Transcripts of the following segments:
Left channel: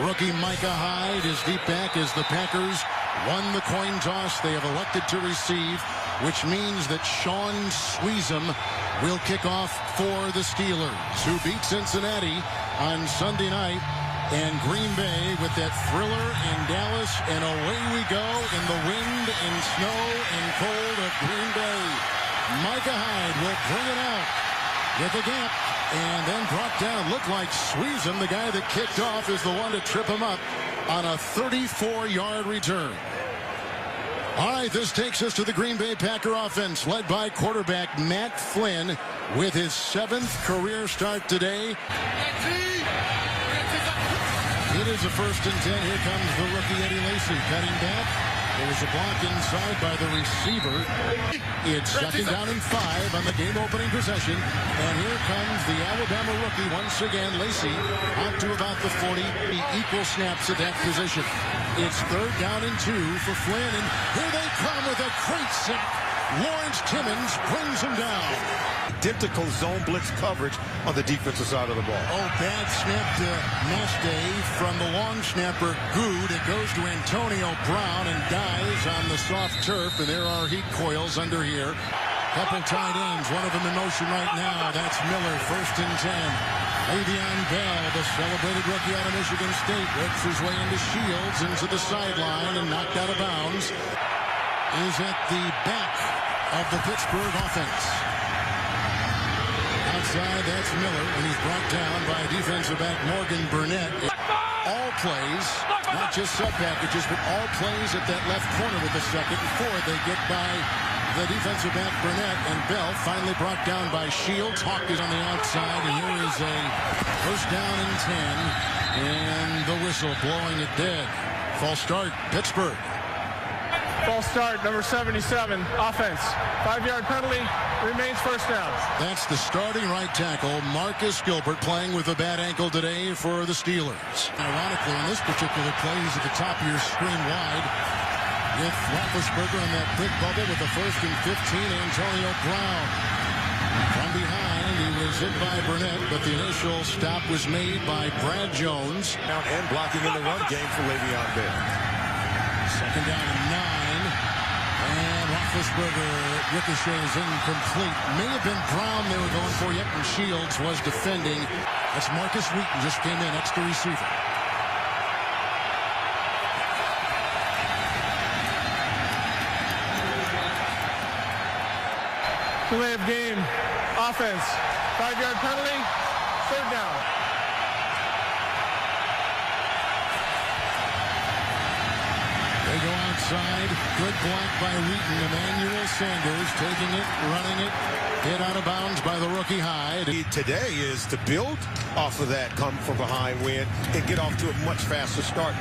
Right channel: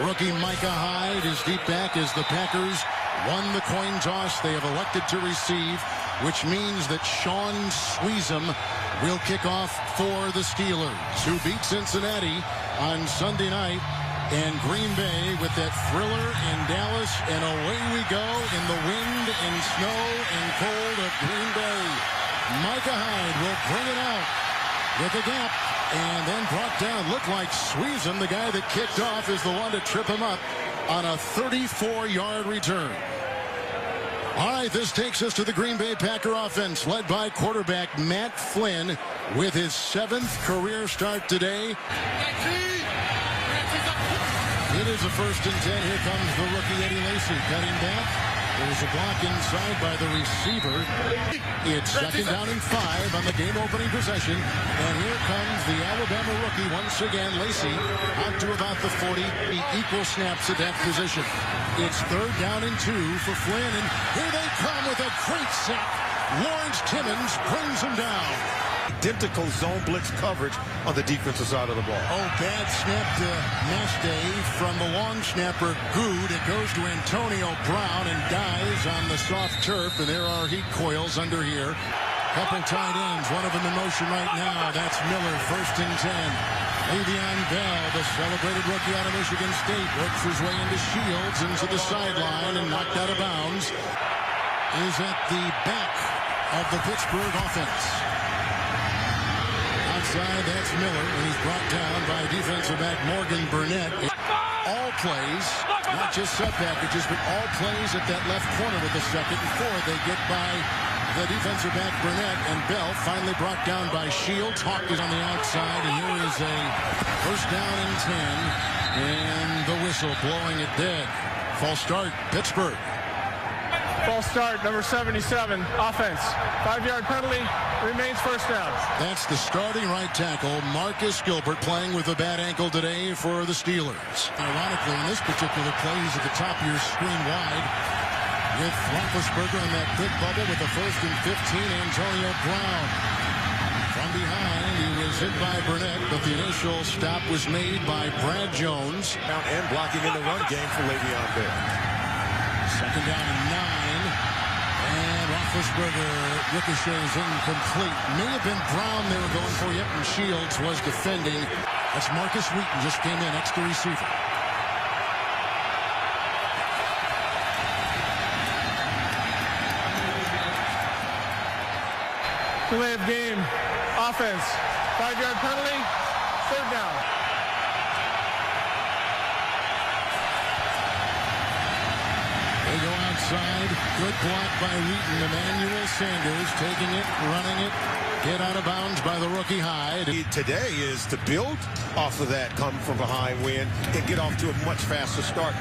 Rookie Micah Hyde is deep back as the Packers won the coin toss. They have elected to receive, which means that Sean Sweezum will kick off for the Steelers, who beat Cincinnati on Sunday night, and Green Bay with that thriller in Dallas, and away we go in the wind and snow and cold of Green Bay. Micah Hyde will bring it out with the gap, and then brought down. Looked like Sweezum, the guy that kicked off, is the one to trip him up on a 34-yard return. All right, this takes us to the Green Bay Packer offense, led by quarterback Matt Flynn with his 7th career start today. It is a 1st and 10. Here comes the rookie Eddie Lacy cutting back. There was a block inside by the receiver. It's 2nd down and 5 on the game-opening possession. And here comes the Alabama rookie once again, Lacy, out to about the 40. Equal snaps at that position. It's 3rd down and 2 for Flynn. And here they come with a great sack. Lawrence Timmons brings him down. Identical zone blitz coverage on the defensive side of the ball. Oh, bad snap to Mastay from the long snapper Good. It goes to Antonio Brown and dies on the soft turf, and there are heat coils under here. Couple tight ends, one of them in motion right now. That's Miller, 1st and 10. Le'Veon Bell, the celebrated rookie out of Michigan State, works his way into Shields, into the sideline, and knocked out of bounds. Is at the back of the Pittsburgh offense. Outside, that's Miller, and he's brought down by defensive back Morgan Burnett. All plays, not just sub packages, but all plays at that left corner with the 2nd and 4. They get by the defensive back Burnett, and Bell finally brought down by Shields. Hawk is on the outside, and here is a 1st down and 10, and the whistle blowing it dead. False start, Pittsburgh. False start, number 77, offense. 5-yard penalty, remains 1st down. That's the starting right tackle, Marcus Gilbert, playing with a bad ankle today for the Steelers. Ironically, in this particular play, he's at the top of your screen wide with Roethlisberger on that quick bubble with the 1st and 15, Antonio Brown. From behind, he was hit by Burnett, but the initial stop was made by Brad Jones. And blocking in the run game for Le'Veon Bell. 2nd down and 9. And Roethlisberger ricochets incomplete. May have been Brown they were going for, yet, and Shields was defending. That's Marcus Wheaton, just came in, extra receiver. Delay of game, offense. 5-yard penalty, 3rd down. They go outside. Good block by Wheaton. Emmanuel Sanders taking it, running it. Hit out of bounds by the rookie Hyde. Today is to build off of that come from behind win and get off to a much faster start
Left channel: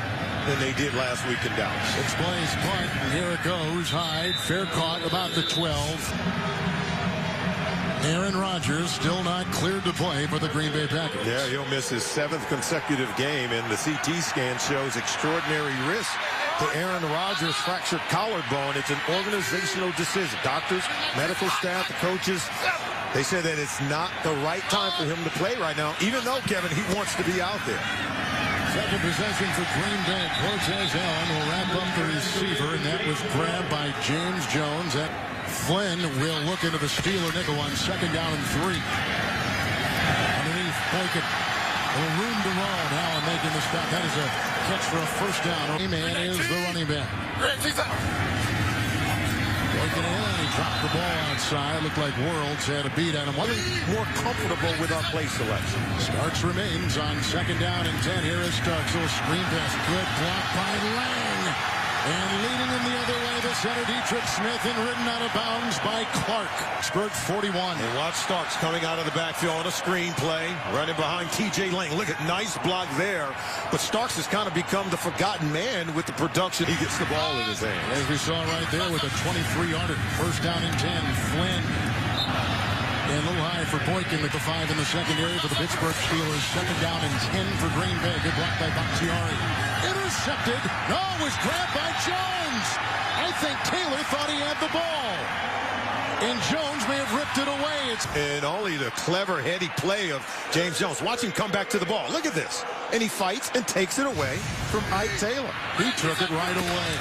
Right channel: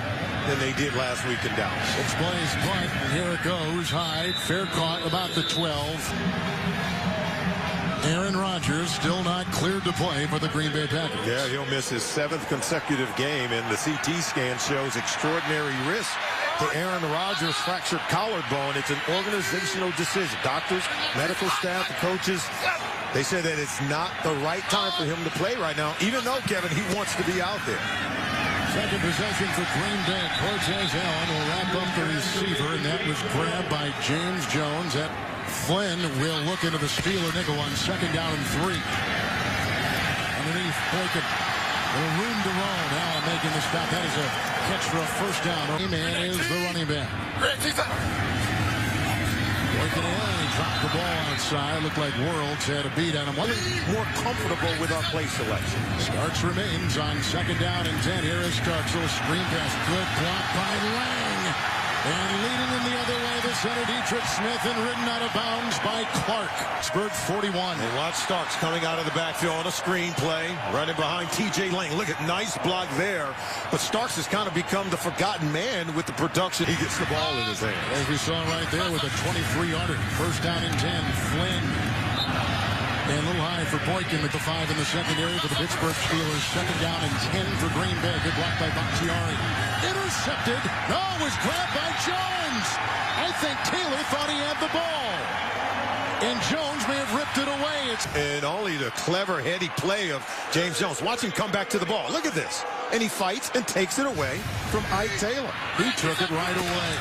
than they did last week in Dallas. 6 plays punt, and here it goes. Hyde, fair caught about the 12. Aaron Rodgers still not cleared to play for the Green Bay Packers. Yeah, he'll miss his 7th consecutive game, and the CT scan shows extraordinary risk to Aaron Rodgers' fractured collarbone. It's an organizational decision. Doctors, medical staff, the coaches, they say that it's not the right time for him to play right now, even though, Kevin, he wants to be out there. 2nd possession for Green Bay. Cortez Allen will wrap up the receiver, and that was grabbed by James Jones. Flynn will look into the Steeler nickel on 2nd down and 3. Underneath, Boykin. A little room to roam. Allen making the stop. That is a catch for a 1st down. Man is the running back. Boykin in. He dropped the ball outside. Looked like Worlds had a beat on him. More comfortable with our play selection. Starks remains on 2nd down and 10. Here is Starks. Little screen pass. Good block by Lang. And leading in the other way, the center, Dietrich Smith, and ridden out of bounds by Clark. Pittsburgh 41. And watch Starks coming out of the backfield on a screen play, running behind T.J. Lang. Look at nice block there. But Starks has kind of become the forgotten man with the production. He gets the ball in his hand. As we saw right there with a 23-yarder. 1st down and 10. Flynn. And a little high for Boykin with the 5 in the secondary for the Pittsburgh Steelers. 2nd down and 10 for Green Bay. Good block by Bakhtiari. Intercepted. No, it was grabbed by Jones. I think Taylor thought he had the ball. And Jones may have ripped it away. And only the clever, heady play of James Jones. Watch him come back to the ball. Look at this. and he fights and takes it away from Ike Taylor. He took it right away.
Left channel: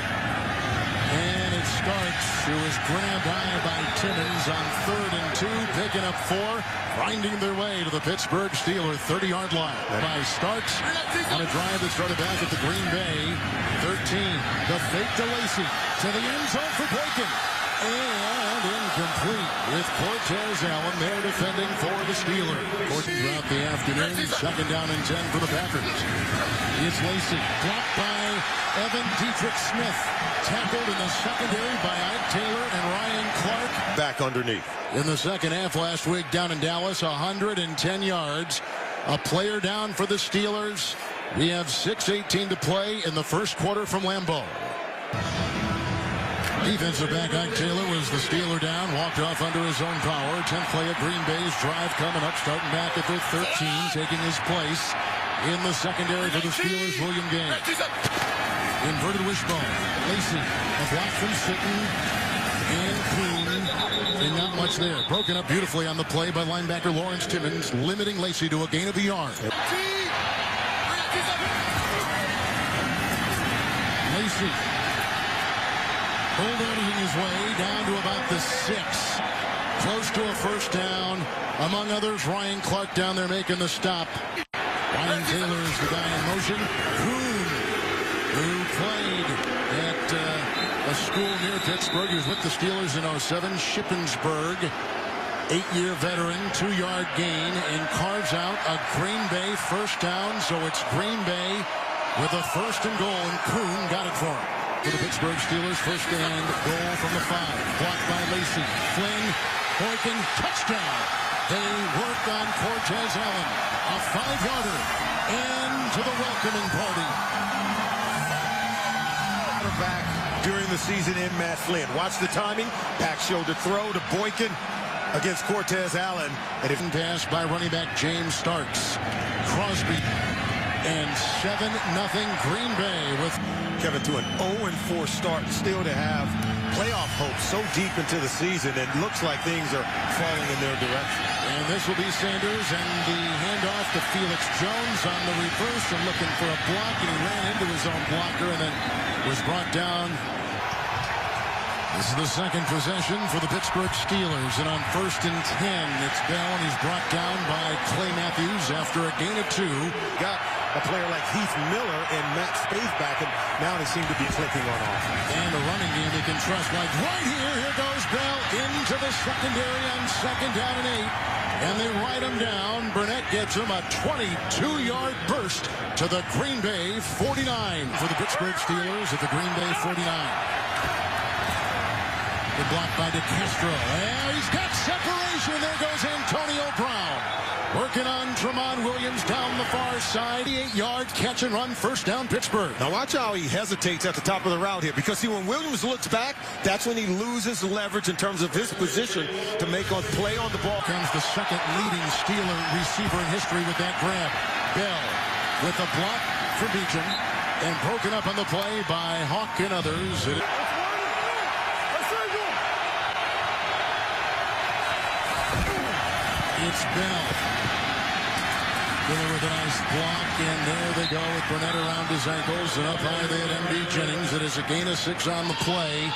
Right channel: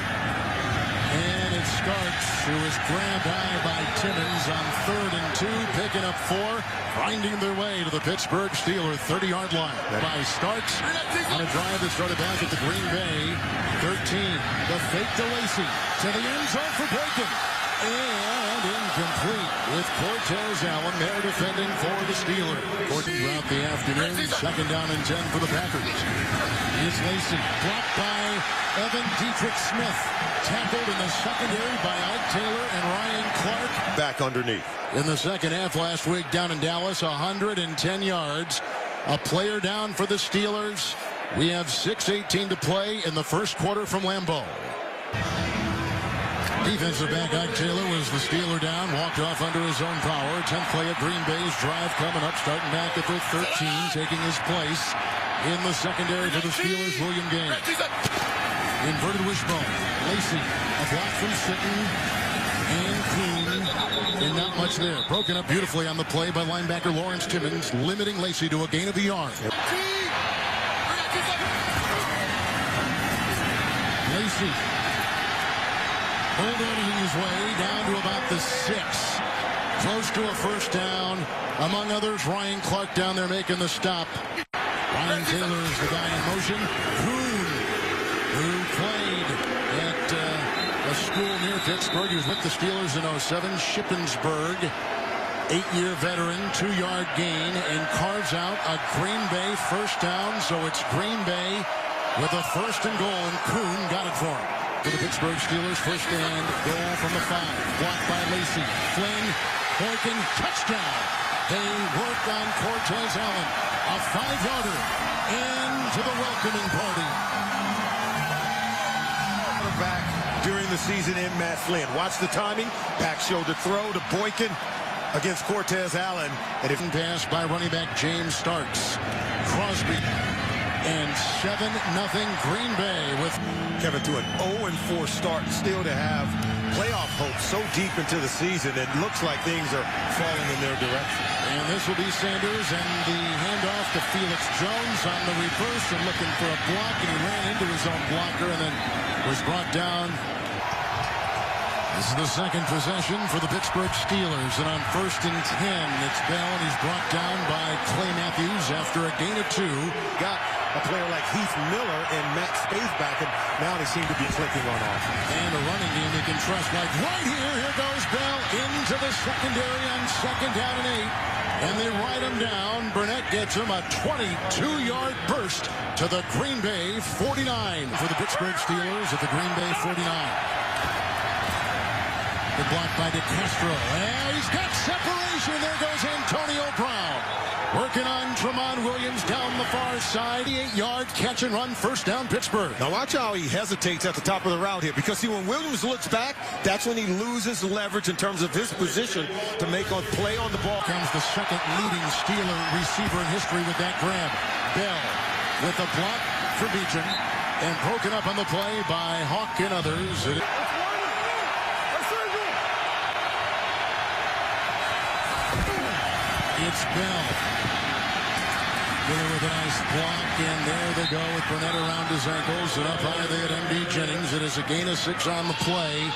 And it's Starks, who is grabbed high by Timmons on 3rd and 2, picking up 4, grinding their way to the Pittsburgh Steelers 30-yard line. By Starks on a drive that started back at the Green Bay 13. The fake to Lacy to the end zone for Boykin. And incomplete with Cortez Allen there defending for the Steelers. Throughout the afternoon, 2nd down and 10 for the Packers. It's Lacy, blocked by Evan Dietrich Smith. Tackled in the secondary by Ike Taylor and Ryan Clark. Back underneath. In the second half last week down in Dallas, 110 yards. A player down for the Steelers. We have 6:18 to play in the first quarter from Lambeau. Defensive back Ike Taylor was the Steeler down, walked off under his own power. 10th play at Green Bay's drive coming up, starting back at the 13, taking his place in the secondary for the Steelers, William Gaines. Inverted wishbone. Lacy, a block from Sitton and Kuhn, and not much there. Broken up beautifully on the play by linebacker Lawrence Timmons, limiting Lacy to a gain of a yard. Lacy bulldozing his way down to about the 6. Close to a first down. Among others, Ryan Clark down there making the stop. Ryan Taylor is the guy in motion. Kuhn, who played at a school near Pittsburgh. He was with the Steelers in 07. Shippensburg, 8-year veteran, 2-yard gain, and carves out a Green Bay first down. So it's Green Bay with a 1st and goal, and Kuhn got it for him. For the Pittsburgh Steelers, 1st and goal from the 5. Blocked by Lacy. Flynn, Boykin, touchdown. They work on Cortez Allen. A 5-yarder into the welcoming party. Back during the season in Matt Flynn. Watch the timing. Back shoulder throw to Boykin against Cortez Allen. And if pass by running back James Starks. Crosby. And 7-0 Green Bay with Kevin to an 0-4 start, still to have playoff hope so deep into the season. It looks like things are falling in their direction. And this will be Sanders, and the handoff to Felix Jones on the reverse and looking for a block, and he ran into his own blocker and then was brought down. This is the second possession for the Pittsburgh Steelers, and on 1st and 10, it's Bell, and he's brought down by Clay Matthews after a gain of 2. Got a player like Heath Miller and Matt Spaeth back, and now they seem to be clicking on offense. And a running game they can trust, like right here. Here goes Bell into the secondary on 2nd down and 8. And they ride him down. Burnett gets him a 22-yard burst to the Green Bay 49 for the Pittsburgh Steelers at the Green Bay 49. Good block by DeCastro. And he's got separation. There goes Antonio Brown. Working on Tramon Williams down the far side. 8-yard catch and run, 1st down Pittsburgh. Now watch how he hesitates at the top of the route here, because see, when Williams looks back, that's when he loses leverage in terms of his position to make a play on the ball. Comes the second leading Steeler receiver in history with that grab. Bell with a block for Beecham and broken up on the play by Hawk and others. It's Bell. Miller with a nice block, and there they go with Burnett around his ankles, and up high they had M.D. Jennings. It is a gain of 6 on the play,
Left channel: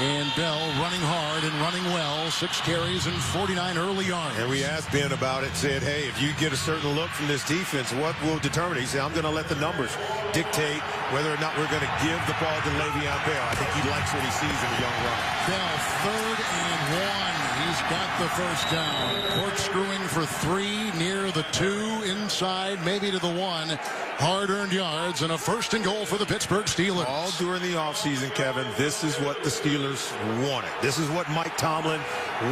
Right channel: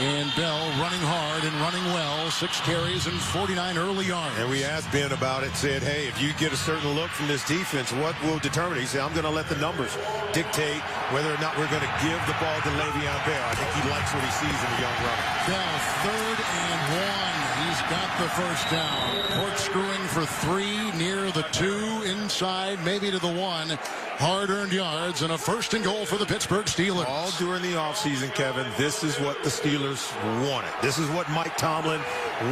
and Bell running hard and running well. 6 carries and 49 early yards. And we asked Ben about it, said, hey, if you get a certain look from this defense, what will determine it? He said, I'm going to let the numbers dictate whether or not we're going to give the ball to Le'Veon Bell. I think he likes what he sees in a young runner. Bell, 3rd and 1. He's got the first down. Corkscrewing for 3 near the 2, inside, maybe to the 1. Hard-earned yards and a 1st and goal for the Pittsburgh Steelers. All during the offseason, Kevin, this is what the Steelers wanted. This is what Mike Tomlin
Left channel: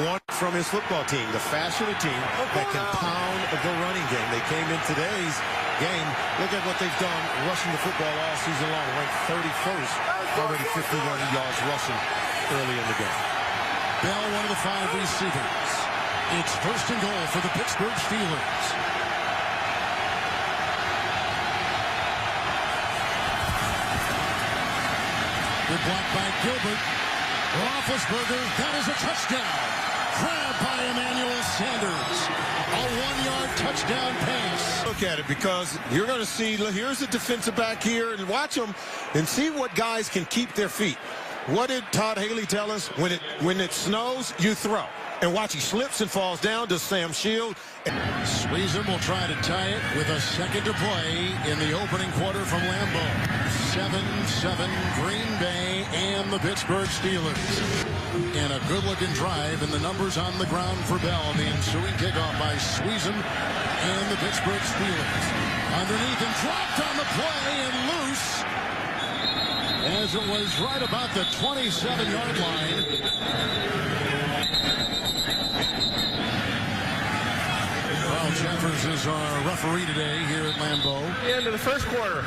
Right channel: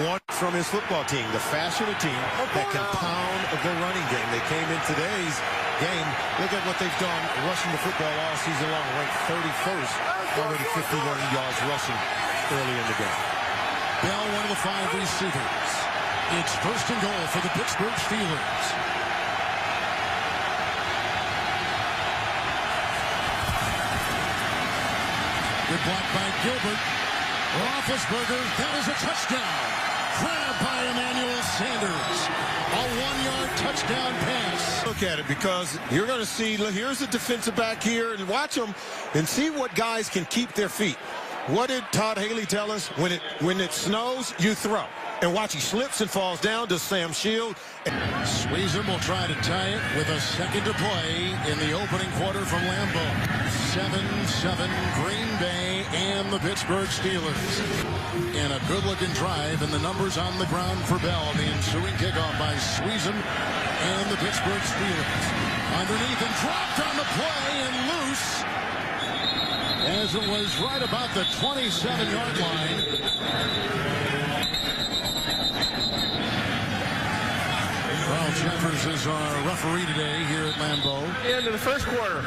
wanted from his football team. The fashion of team that can pound the running game. They came in today's game. Look at what they've done rushing the football all season long. Ranked 31st, already 51 yards rushing early in the game. Bell, one of the 5 receivers. It's 1st and goal for the Pittsburgh Steelers. Good block by Gilbert. Roethlisberger, that is a touchdown. Grabbed by Emmanuel Sanders. A 1-yard touchdown pass. Look at it, because you're going to see, look, here's a defensive back here, and watch them and see what guys can keep their feet. What did Todd Haley tell us? When it snows, you throw. And watch, he slips and falls down to Sam Shield. Sweezum will try to tie it with a second to play in the opening quarter from Lambeau. 7-7 Green Bay and the Pittsburgh Steelers. And a good-looking drive, and the numbers on the ground for Bell. The ensuing kickoff by Sweezum and the Pittsburgh Steelers. Underneath and dropped on the play and loose, as it was right about the 27-yard line. Carl Jeffers is our referee today here at Lambeau. The end of the first quarter.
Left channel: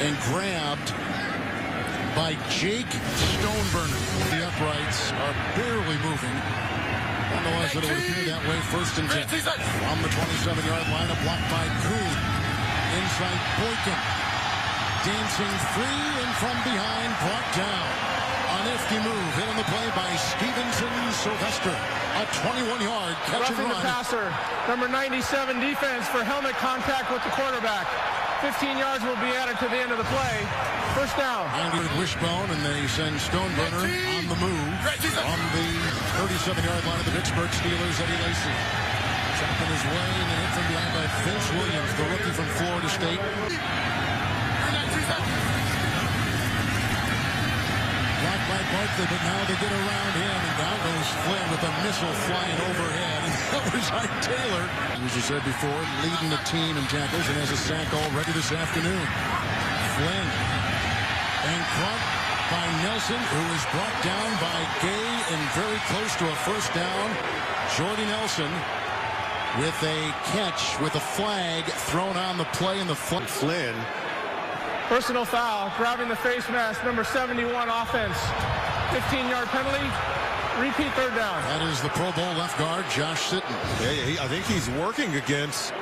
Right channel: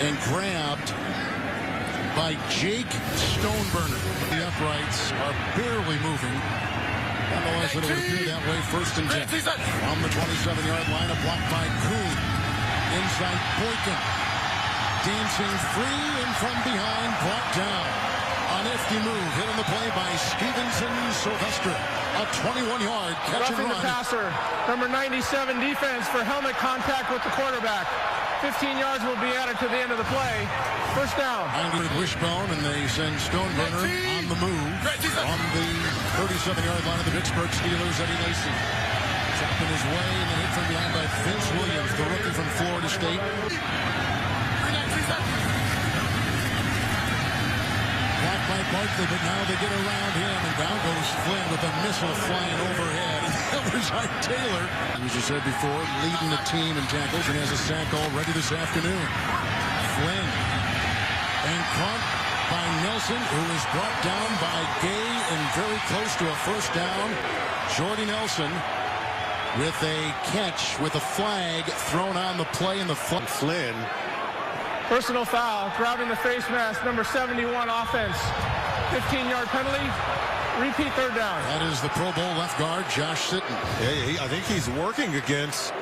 And grabbed by Jake Stoneburner. The uprights are barely moving. Nonetheless, it would appear that way. 1st and 10. On the 27-yard line, a block by Kuhn. Inside Boykin. Dancing free and from behind, brought down. A nifty move, hit on the play by Stevenson Sylvester. A 21-yard catch and Roughing run. the passer. Number 97 defense for helmet contact with the quarterback. 15 yards will be added to the end of the play. First down. 90 wishbone, and they send Stoneburner on the move on the 37-yard line of the Pittsburgh Steelers. Eddie Lacy chopping his way, and then hit from behind by Vince Williams, the rookie from Florida State. Blocked by Barkley, but now they get around him, and down goes Flynn with a missile flying overhead. And that was Taylor, as I said before, leading the team in tackles and has a sack already this afternoon. Flynn, and caught by Nelson, who is brought down by Gay and very close to a first down. Jordy Nelson with a catch with a flag thrown on the play in the Flynn. Personal foul, grabbing the face mask, number 71 offense. 15-yard penalty, repeat third down. That is the Pro Bowl left guard, Josh Sitton. Yeah, I think he's working against,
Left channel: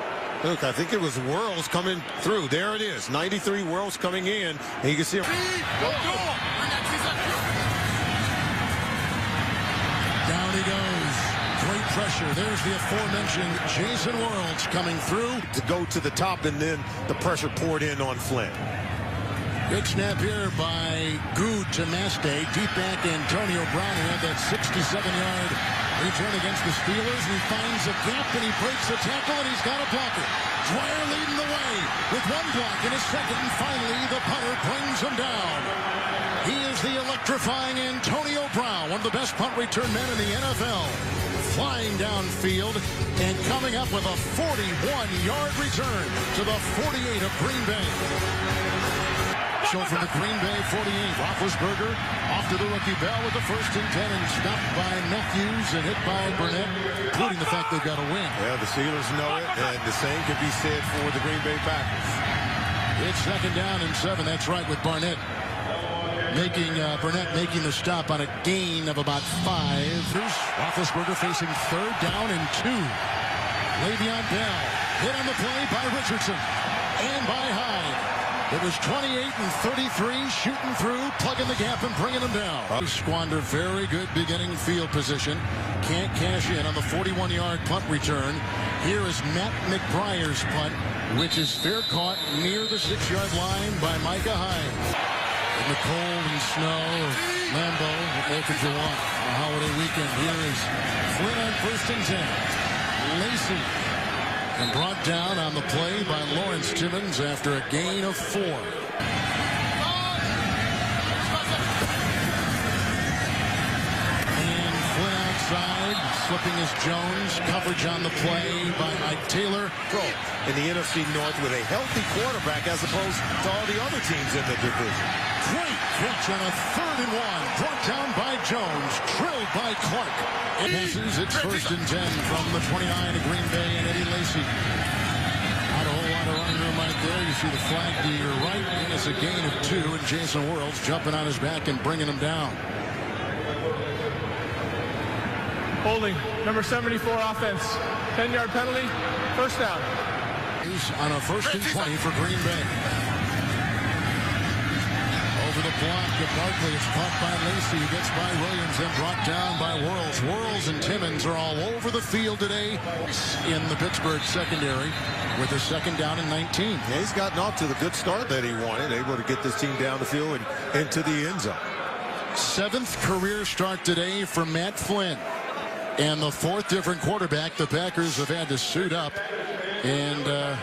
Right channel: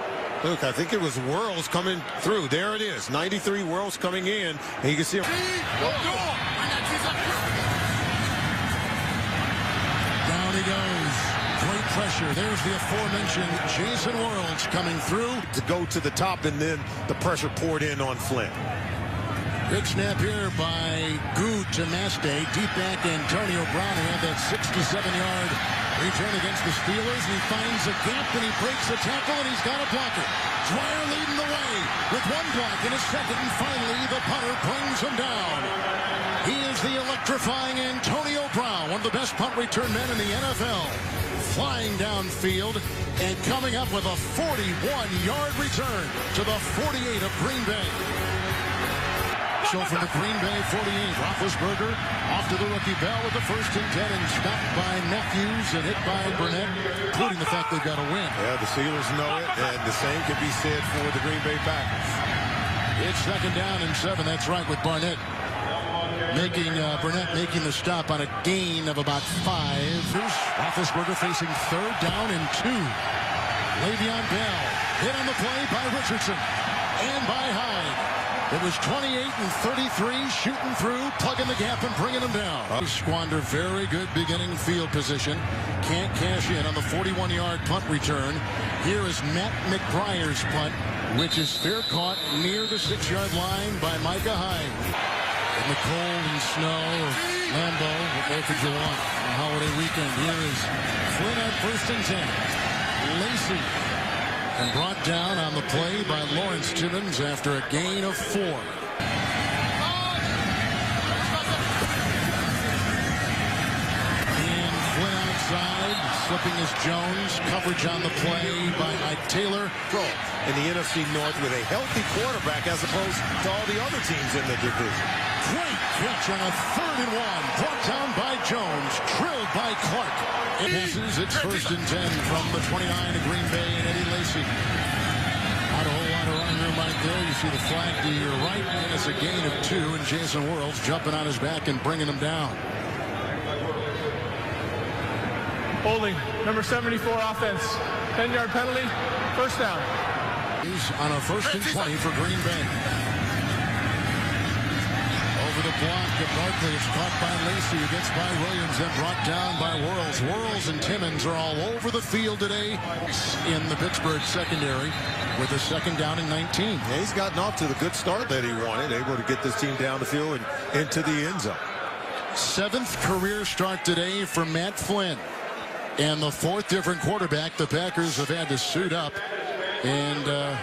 look, I think it was Worlds coming through. There it is, 93 Worlds coming in, and you can see him. Down he goes. Great pressure. There's the aforementioned Jason Worlds coming through. To go to the top, and then the pressure poured in on Flynn. Good snap here by Good to Maste. Deep back Antonio Brown, who had that 67-yard return against the Steelers. And he finds a gap, and he breaks the tackle, and he's got a blocker. Dwyer leading the way with one block in a second, and finally the punter brings him down. He is the electrifying Antonio Brown, one of the best punt return men in the NFL. Flying downfield and coming up with a 41-yard return to the 48 of Green Bay. So from the Green Bay 48, Roethlisberger off to the rookie Bell with the 1st and 10, and stopped by Matthews and hit by Burnett, including the fact they've got to win. Yeah, the Steelers know it, and the same can be said for the Green Bay Packers. It's 2nd down and 7. That's right, with Burnett making the stop on a gain of about 5. Here's Roethlisberger facing 3rd down and 2. Le'Veon Bell hit on the play by Richardson and by Hyde. It was 28 and 33, shooting through, plugging the gap and bringing them down. Squander very good beginning field position. Can't cash in on the 41-yard punt return. Here is Matt McBriar's punt, which is fair caught near the 6-yard line by Micah Hyde. In the cold and snow of Lambeau, what more could you want on a holiday weekend? Here is Flynn on 1st and 10. Lacy, and brought down on the play by Lawrence Timmons after a gain of 4. And Flynn outside, slipping as Jones. Coverage on the play by Ike Taylor. In the NFC North with a healthy quarterback as opposed to all the other teams in the division. Great catch on a 3rd and 1. Brought down by Jones. Drilled by Clark. It passes. It's 1st and 10 from the 29 of Green Bay and Eddie Lacy. Not a whole lot of running room right there. You see the flag to your right, and it's a gain of 2. And Jason Worlds jumping on his back and bringing him down. Holding, number 74 offense. 10-yard penalty, first down. He's on a 1st and 20 for Green Bay. over the block of Barkley. It's caught by Lacey, who gets by Williams, then brought down by Worrells. Worrells and Timmons are all over the field today in the Pittsburgh secondary with a second down and 19. Yeah, he's gotten off to the good start that he wanted, able to get this team down the field and into the end zone. 7th career start today for Matt Flynn. And the 4th different quarterback the Packers have had to suit up. And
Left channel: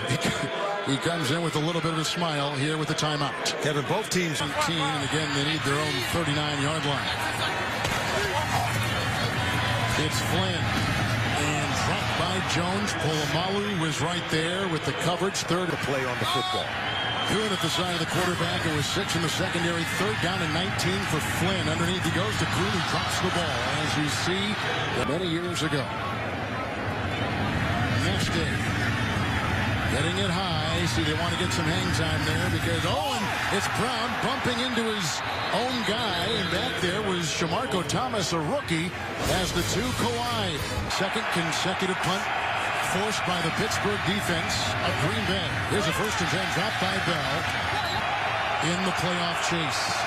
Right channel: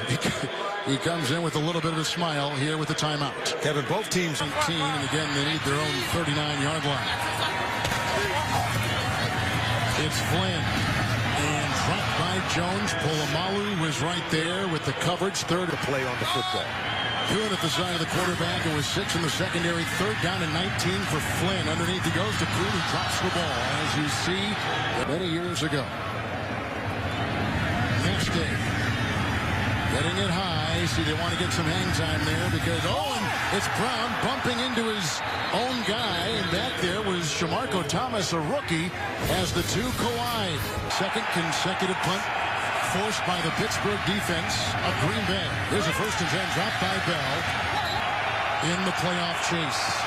he comes in with a little bit of a smile here with the timeout. Kevin, both teams 18, and again, they need their own 39-yard line. It's Flynn. And dropped by Jones. Polamalu was right there with the coverage. Third play on the football. Good at the side of the quarterback. It was 6 in the secondary. 3rd down and 19 for Flynn. Underneath he goes to Kuhn, who drops the ball, as you see many years ago. Neste getting it high. See, they want to get some hang time there because, and it's Brown bumping into his own guy. And back there was Shamarko Thomas, a rookie, as the two collide. 2nd consecutive punt forced by the Pittsburgh defense of Green Bay. Here's a 1st and 10 dropped by Bell in the playoff chase.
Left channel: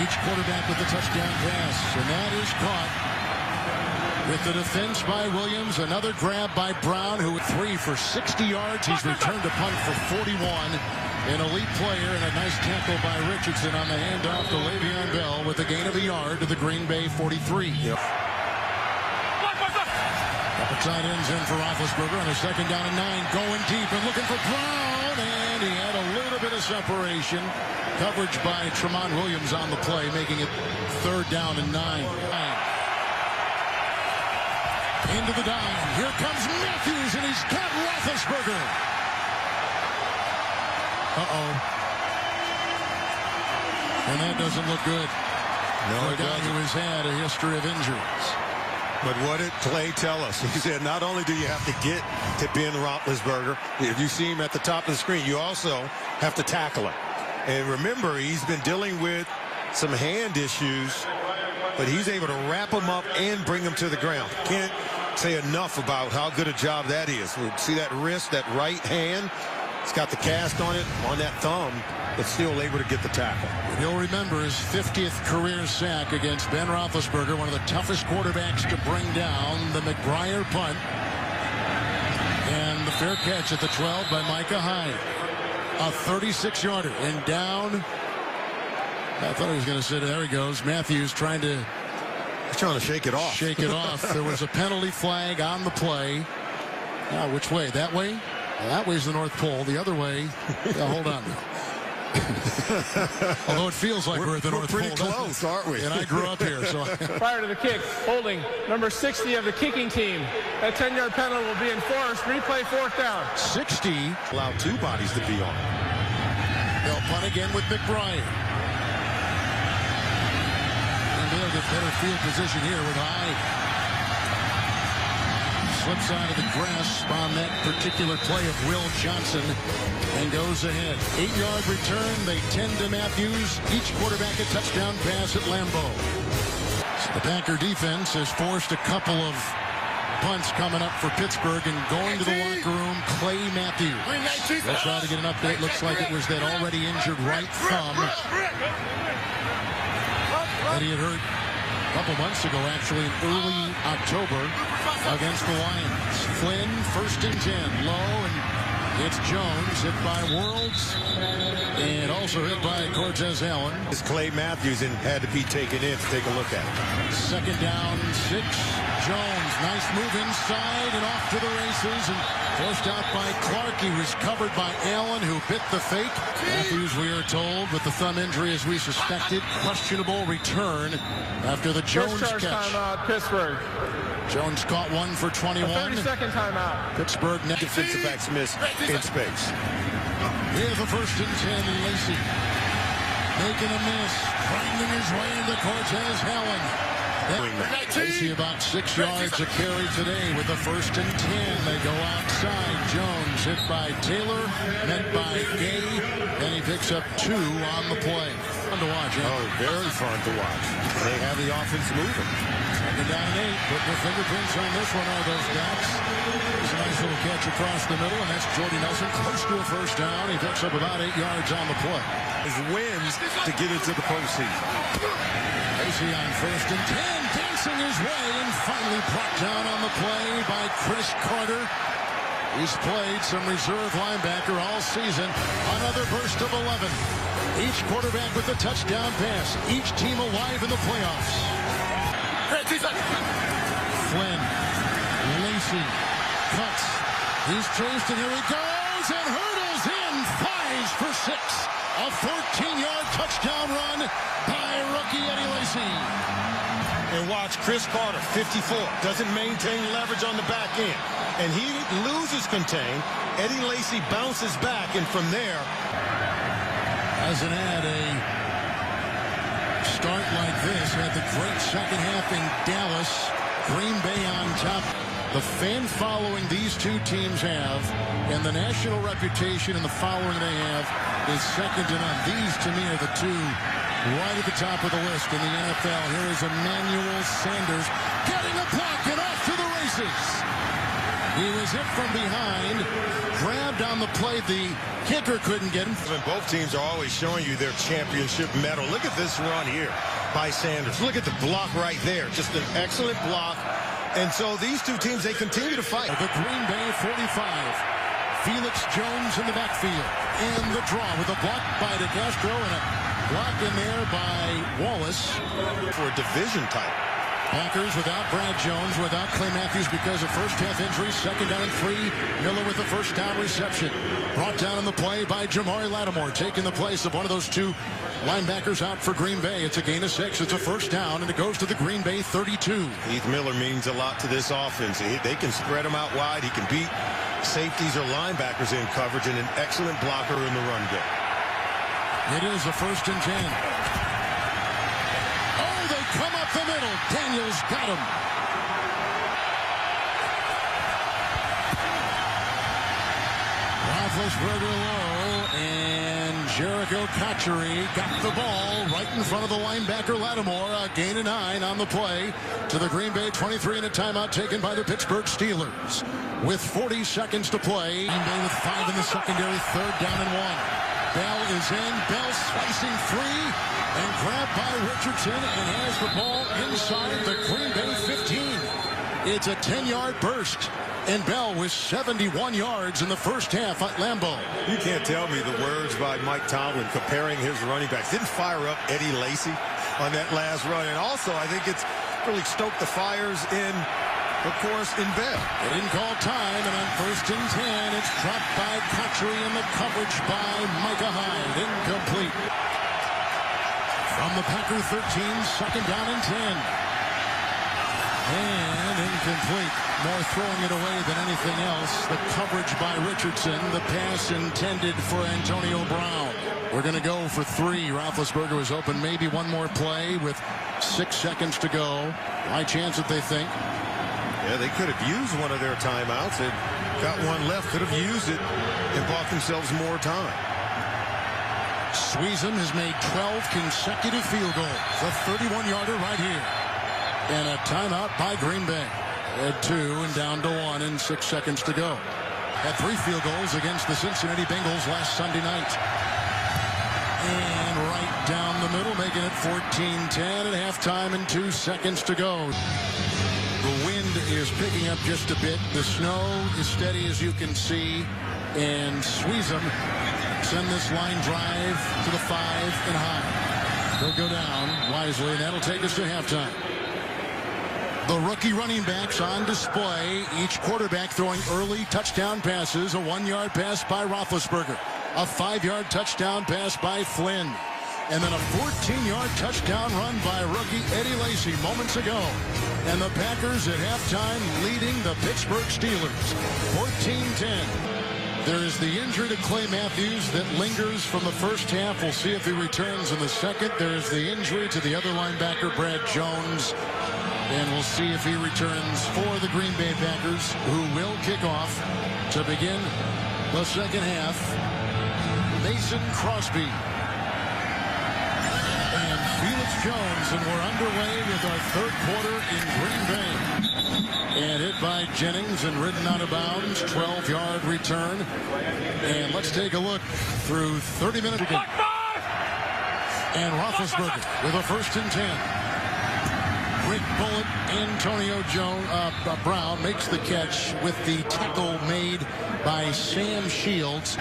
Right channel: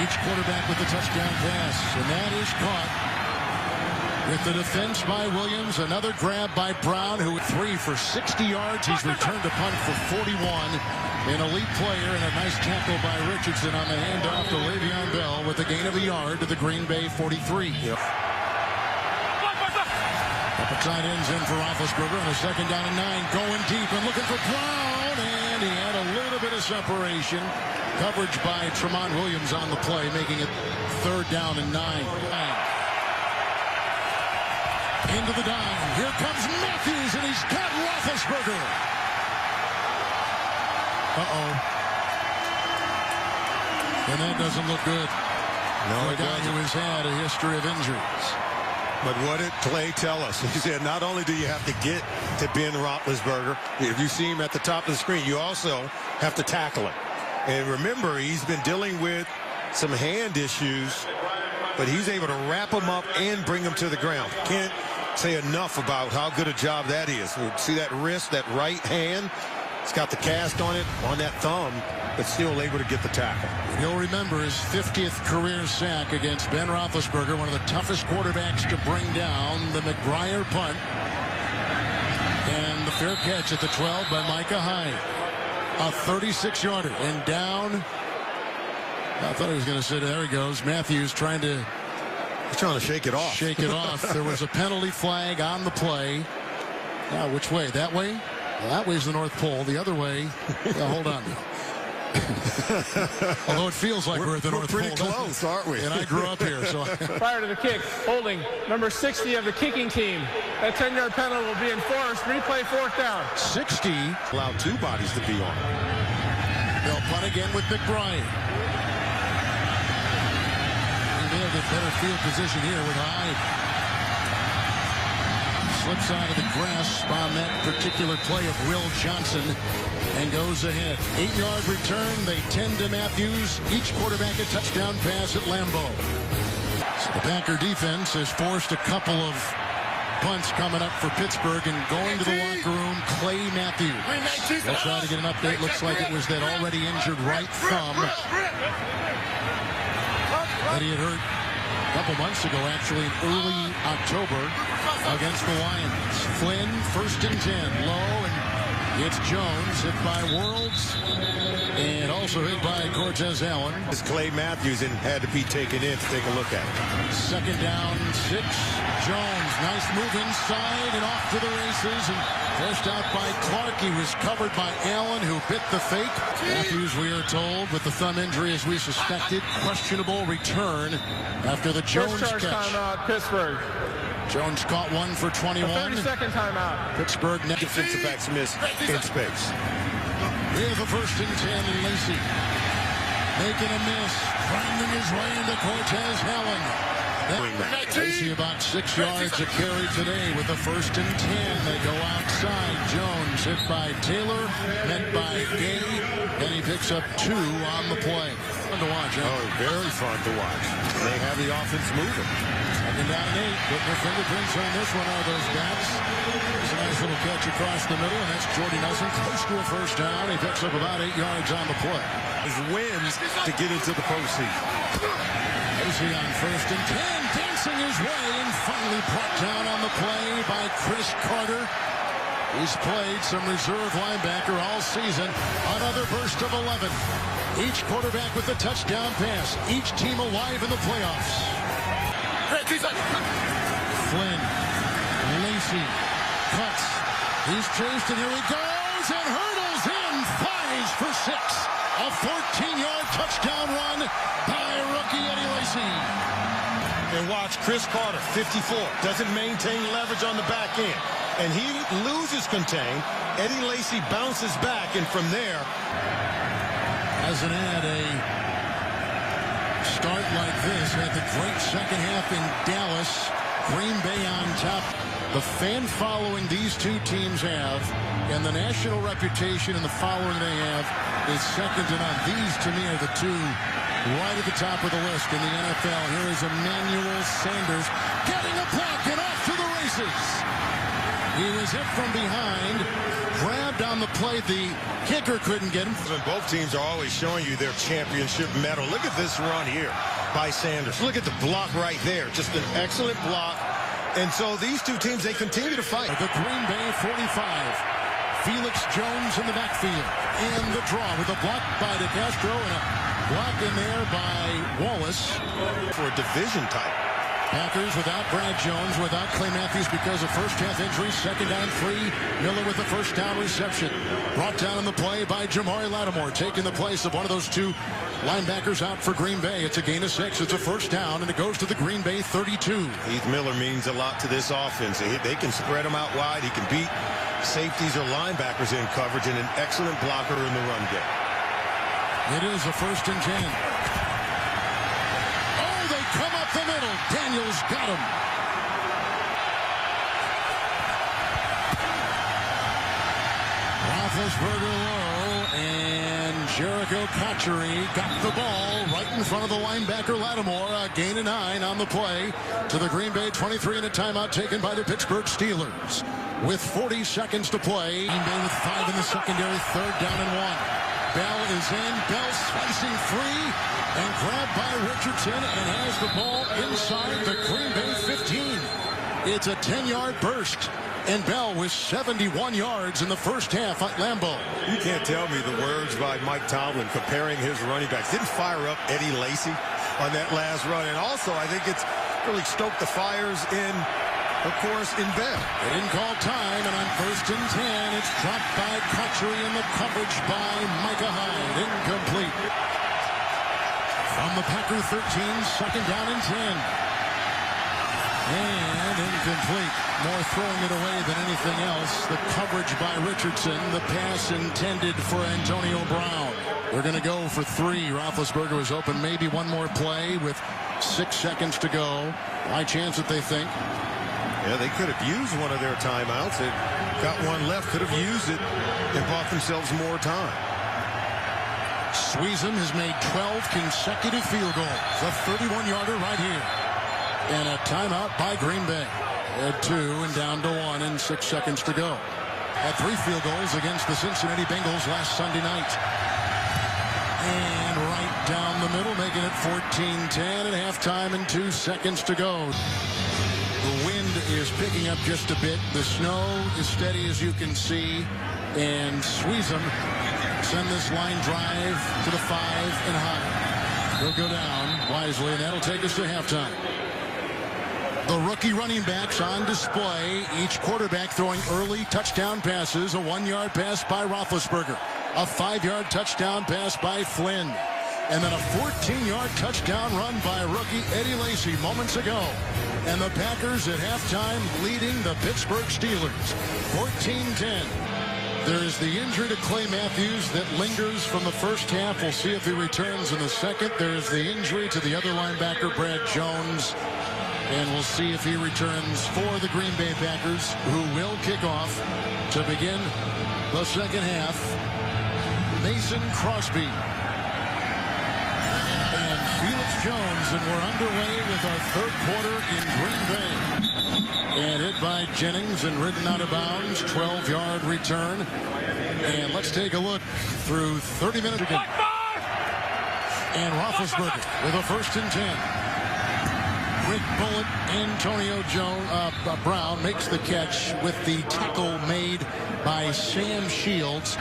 Each quarterback with the touchdown pass, and that is caught with the defense by Williams. Another grab by Brown, who 3 for 60 yards. He's returned a punt for 41. An elite player, and a nice tackle by Richardson on the handoff to Le'Veon Bell with a gain of a yard to the Green Bay 43. Yep. Couple tight ends in for Roethlisberger on a 2nd down and 9. Going deep and looking for Brown. And he had a little bit of separation. Coverage by Tramon Williams on the play, making it 3rd down and 9. Into the dime. Here comes Matthews, and he's got Roethlisberger. And that doesn't look good. No, for a guy who has had a history of injuries. But what did Clay tell us? He said not only do you have to get to Ben Roethlisberger, if you see him at the top of the screen, you also have to tackle him. And remember, he's been dealing with some hand issues, but he's able to wrap him up and bring him to the ground. Can't say enough about how good a job that is. See that wrist, that right hand? It's got the cast on it, on that thumb, but still able to get the tackle. He'll remember his 50th career sack against Ben Roethlisberger, one of the toughest quarterbacks to bring down. The McBriar punt. And the fair catch at the 12 by Micah Hyde. A 36-yarder. And down. I thought he was going to sit. There he goes. Matthews trying to... He's trying to shake it off. Shake it off. There was a penalty flag on the play. Now, which way? That way? Well, that way's the North Pole. The other way... hold on now. Although it feels like we're at the North Pole. We're pretty close, aren't we? And I grew up here, so... Prior to the kick, holding number 60 of the kicking team. That 10-yard penalty will be enforced. Replay 4th down. 60. Allow 2 bodies to be on. They'll punt again with McBriar. And they'll get better field position here with Hyde. Slips out of the grasp on that particular play of Will Johnson and goes ahead. 8-yard return. They tend to Matthews. Each quarterback a touchdown pass at Lambeau. So the Packer defense has forced a couple of punts coming up for Pittsburgh, and going to the locker room, Clay Matthews. They'll try to get an update. Looks like it was that already injured right thumb that he had hurt a couple months ago, actually in early October against the Lions. Flynn, 1st and 10, low, and it's Jones, hit by Worrells, and also hit by Cortez Allen. It's Clay Matthews and had to be taken in to take a look at it. 2nd down, 6. Jones, nice move inside and off to the races, and forced out by Clark. He was covered by Allen, who bit the fake. Matthews, we are told, with the thumb injury as we suspected, questionable return after the Jones First charge catch. Timeout, Pittsburgh. Jones caught one for 21. 30-second timeout. Pittsburgh net. Defensive backs miss in space. We have a 1st and 10, and Lacey making a miss, grinding his way into Cortez Allen. Lacey about 6 yards a carry today with a 1st and 10. They go outside. Jones hit by Taylor, met by Gay, and he picks up 2 on the play. Fun to watch, huh? Oh, very fun to watch. They have the offense moving. 2nd down and 8. Putting their fingerprints on this one are those backs. Here's a nice little catch across the middle, and that's Jordy Nelson close to a first down. He picks up about 8 yards on the play. His wins to get into the postseason. Lacey on 1st and 10, dancing his way, and finally brought down on the play by Chris Carter. He's played some reserve linebacker all season. Another burst of 11. Each quarterback with a touchdown pass. Each team alive in the playoffs. Flynn, Lacey, cuts. He's chased, and here he goes, and hurdles in, flies for 6. A 14-yard touchdown run by rookie Eddie Lacey. And watch Chris Carter, 54, doesn't maintain leverage on the back end. And he loses contain. Eddie Lacey bounces back, and from there, as an ad, a start like this had the great second half in Dallas. Green Bay on top. The fan following these two teams have, and the national reputation and the following they have, is second to none. These, to me, are the two right at the top of the list in the NFL. Here is Emmanuel Sanders getting a block and off to the races. He was hit from behind, grabbed on the play. The kicker couldn't get him. And both teams are always showing you their championship medal. Look at this run here by Sanders. Look at the block right there. Just an excellent block. And so these two teams, they continue to fight. The Green Bay 45. Felix Jones in the backfield. And the draw with a block by DeCastro and a block in there by Wallace. For a division type. Packers without Brad Jones, without Clay Matthews because of first half injuries. 2nd down and 3. Miller with the first down reception. Brought down in the play by Jamari Lattimore, taking the place of one of those two linebackers out for Green Bay. It's a gain of 6. It's a first down, and it goes to the Green Bay 32. Heath Miller means a lot to this offense. They can spread him out wide. He can beat safeties or linebackers in coverage, and an excellent blocker in the run game. It is a 1st and 10. Oh, they come up the middle. Daniels got him. Roethlisberger low, and Jericho Cotchery got the ball right in front of the linebacker Lattimore. A gain of 9 on the play to the Green Bay 23, and a timeout taken by the Pittsburgh Steelers. With 40 seconds to play, Green Bay with 5 in the secondary, 3rd down and 1. Bell is in, Bell slicing free, and grabbed by Richardson, and has the ball inside the Green Bay 15. It's a 10-yard burst. And Bell with 71 yards in the first half at Lambeau. You can't tell me the words by Mike Tomlin comparing his running backs. Didn't fire up Eddie Lacey on that last run. And also, I think it's really stoked the fires in, of course, in Bell. They didn't call time, and on 1st and 10, it's dropped by Cotchery in the coverage by Micah Hyde. Incomplete. From the Packer 13, 2nd down and 10. And incomplete. More throwing it away than anything else. The coverage by Richardson. The pass intended for Antonio Brown. They're going to go for 3. Roethlisberger was open. Maybe one more play with 6 seconds to go. Why chance it, they think? Yeah, they could have used one of their timeouts. They got one left. Could have used it and bought themselves more time. Sweezum has made 12 consecutive field goals. A 31-yarder right here. And a timeout by Green Bay. At 2 and down to 1 and 6 seconds to go. Had 3 field goals against the Cincinnati Bengals last Sunday night. And right down the middle, making it 14-10 at halftime and 2 seconds to go. The wind is picking up just a bit. The snow is steady, as you can see. And Sweezum send this line drive to the 5 and high. He'll go down wisely, and that'll take us to halftime. The rookie running backs on display. Each quarterback throwing early touchdown passes. A 1-yard pass by Roethlisberger. A 5-yard touchdown pass by Flynn. And then a 14-yard touchdown run by rookie Eddie Lacey moments ago. And the Packers at halftime leading the Pittsburgh Steelers. 14-10. There is the injury to Clay Matthews that lingers from the first half. We'll see if he returns in the second. There is the injury to the other linebacker, Brad Jones. And we'll see if he returns for the Green Bay Packers, who will kick off to begin the second half. Mason Crosby and Felix Jones, and we're underway with our third quarter in Green Bay. And hit by Jennings and ridden out of bounds. 12-yard return. And let's take a look through 30 minutes again. And Roethlisberger with a 1st and 10. Quick bullet. Antonio Brown makes the catch with the tackle made by Sam Shields.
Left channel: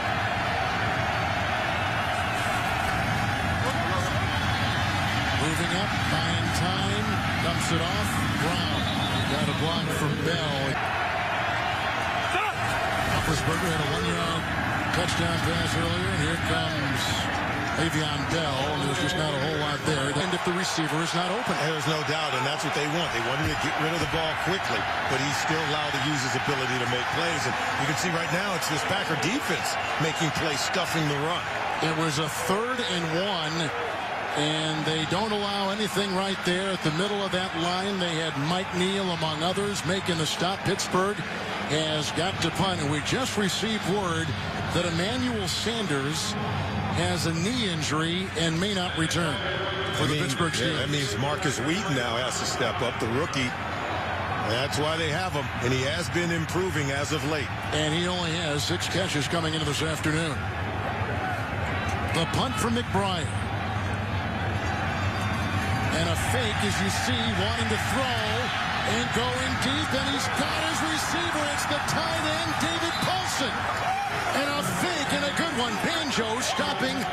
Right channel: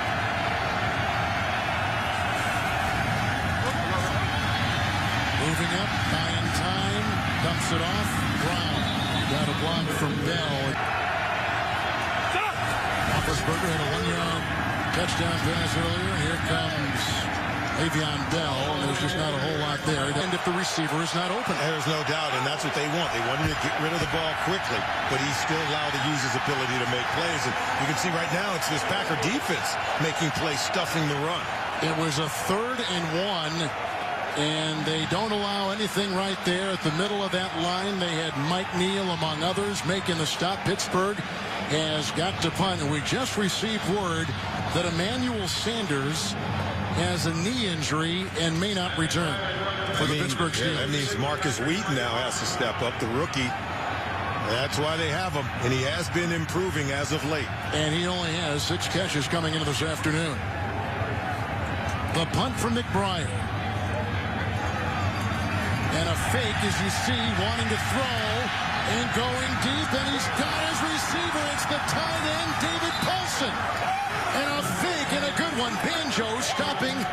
Moving up, buying time, dumps it off. Brown got a block from Bell. Roethlisberger had a 1-yard touchdown pass earlier, and here comes Le'Veon Bell, and there's just not a whole lot there. And if the receiver is not open. There's no doubt, and that's what they want. They wanted to get rid of the ball quickly, but he's still allowed to use his ability to make plays. And you can see right now it's this Packer defense making plays, stuffing the run. It was a 3rd and 1. And they don't allow anything right there at the middle of that line. They had Mike Neal, among others, making the stop. Pittsburgh has got to punt. And we just received word that Emmanuel Sanders has a knee injury and may not return for the Pittsburgh Steelers. Yeah, that means Marcus Wheaton now has to step up, the rookie. That's why they have him. And he has been improving as of late. And he only has 6 catches coming into this afternoon. The punt from McBride. And a fake, as you see, wanting to throw and going deep, and he's got his receiver. It's the tight end, David Paulson. And a fake and a good one. Banjo stopping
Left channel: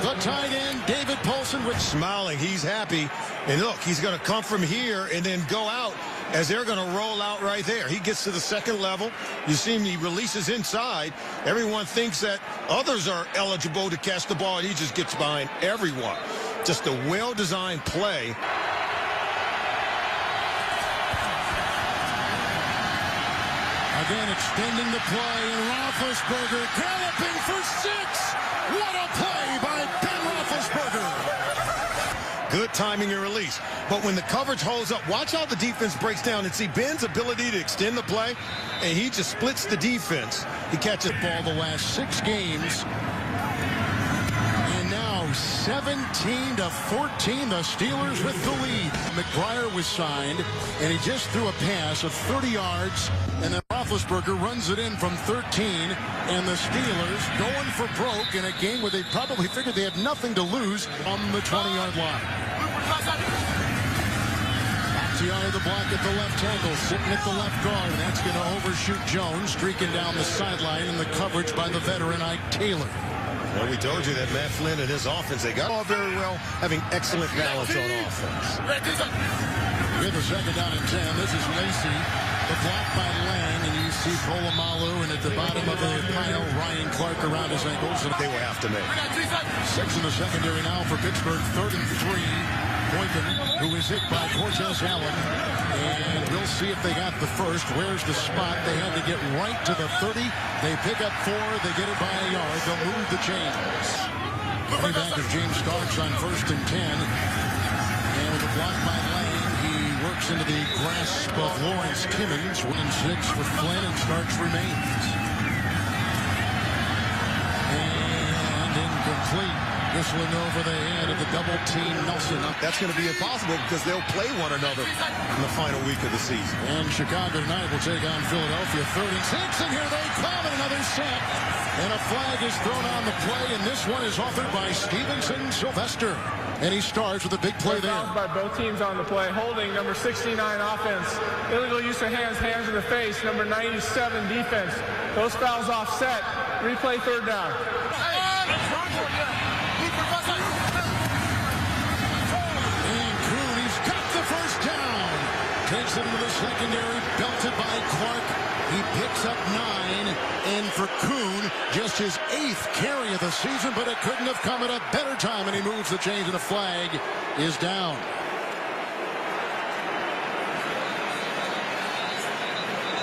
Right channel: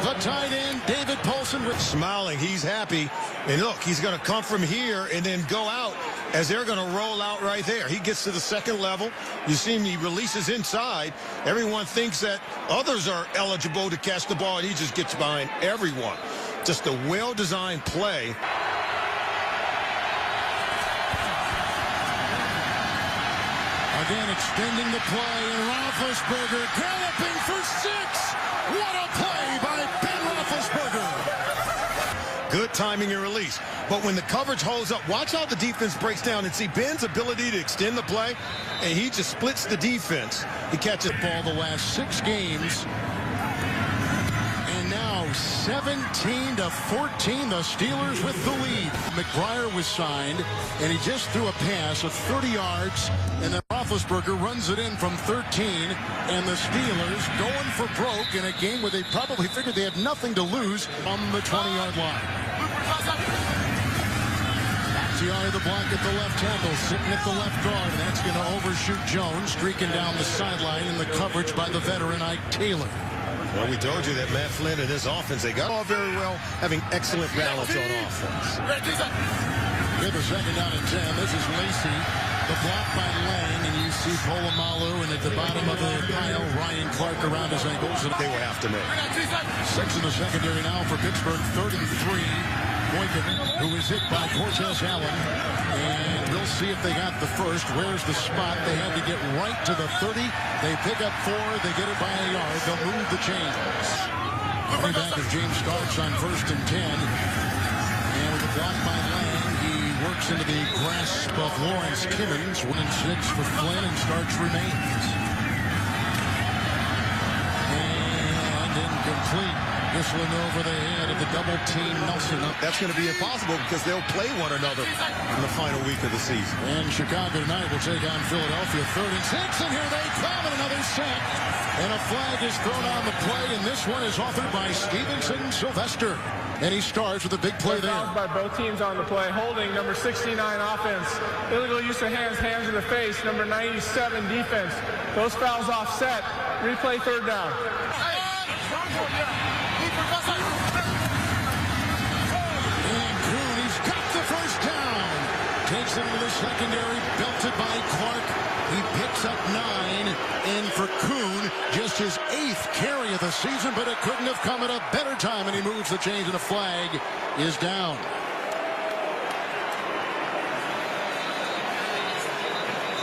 the tight end, David Paulson. With smiling, he's happy. And look, he's going to come from here and then go out as they're going to roll out right there. He gets to the 2nd level. You see him, he releases inside. Everyone thinks that others are eligible to catch the ball, and he just gets behind everyone. Just a well-designed play. Again, extending the play, and Roethlisberger galloping for 6. What a play by Ben Roethlisberger. Good timing and release. But when the coverage holds up, watch how the defense breaks down and see Ben's ability to extend the play, and he just splits the defense. He catches the ball the last 6 games. And now 17-14, the Steelers with the lead. McBride was signed, and he just threw a pass of 30 yards, and then Roethlisberger runs it in from 13, and the Steelers going for broke in a game where they probably figured they had nothing to lose on the 20-yard line. Bakhtiari the block at the left tackle, sitting at the left guard, and that's going to overshoot Jones, streaking down the sideline in the coverage by the veteran Ike Taylor. And we told you that Matt Flynn and his offense, they got all very well, having excellent balance on offense. With the 2nd down and 10, this is Lacey. The block by Lang, and you see Polamalu, and at the bottom of the pile, Ryan Clark around his ankles. And they will have to make. 6 in the secondary now for Pittsburgh, 3rd and 3. Boykin, who is hit by Cortez Allen. And we'll see if they got the first. Where's the spot? They had to get right to the 30. They pick up 4. They get it by a yard. They'll move the chains. Running back is James Starks on 1st and 10. And with a block by Lang, he works into the grasp of Lawrence Timmons. 1 and 6 for Flynn, and Starks remains. And incomplete. Whistling over the head of the double-team Nelson. That's going to be impossible because they'll play one another in the final week of the season. And Chicago tonight will take on Philadelphia. 3rd and 6, and here they come, and another sack. And a flag is thrown on the play, and this one is authored by Stevenson Sylvester. And he starts with a big play there. By both teams on the play. Holding, number 69 offense. Illegal use of hands, hands in the face. Number 97 defense. Those fouls offset. Replay 3rd down. And Kuhn, he's got the first down. Takes it into the secondary, belted by Clark. He picks up 9, and for Kuhn, just his 8th carry of the season, but it couldn't have come at a better time, and he moves the chains, and a flag is down.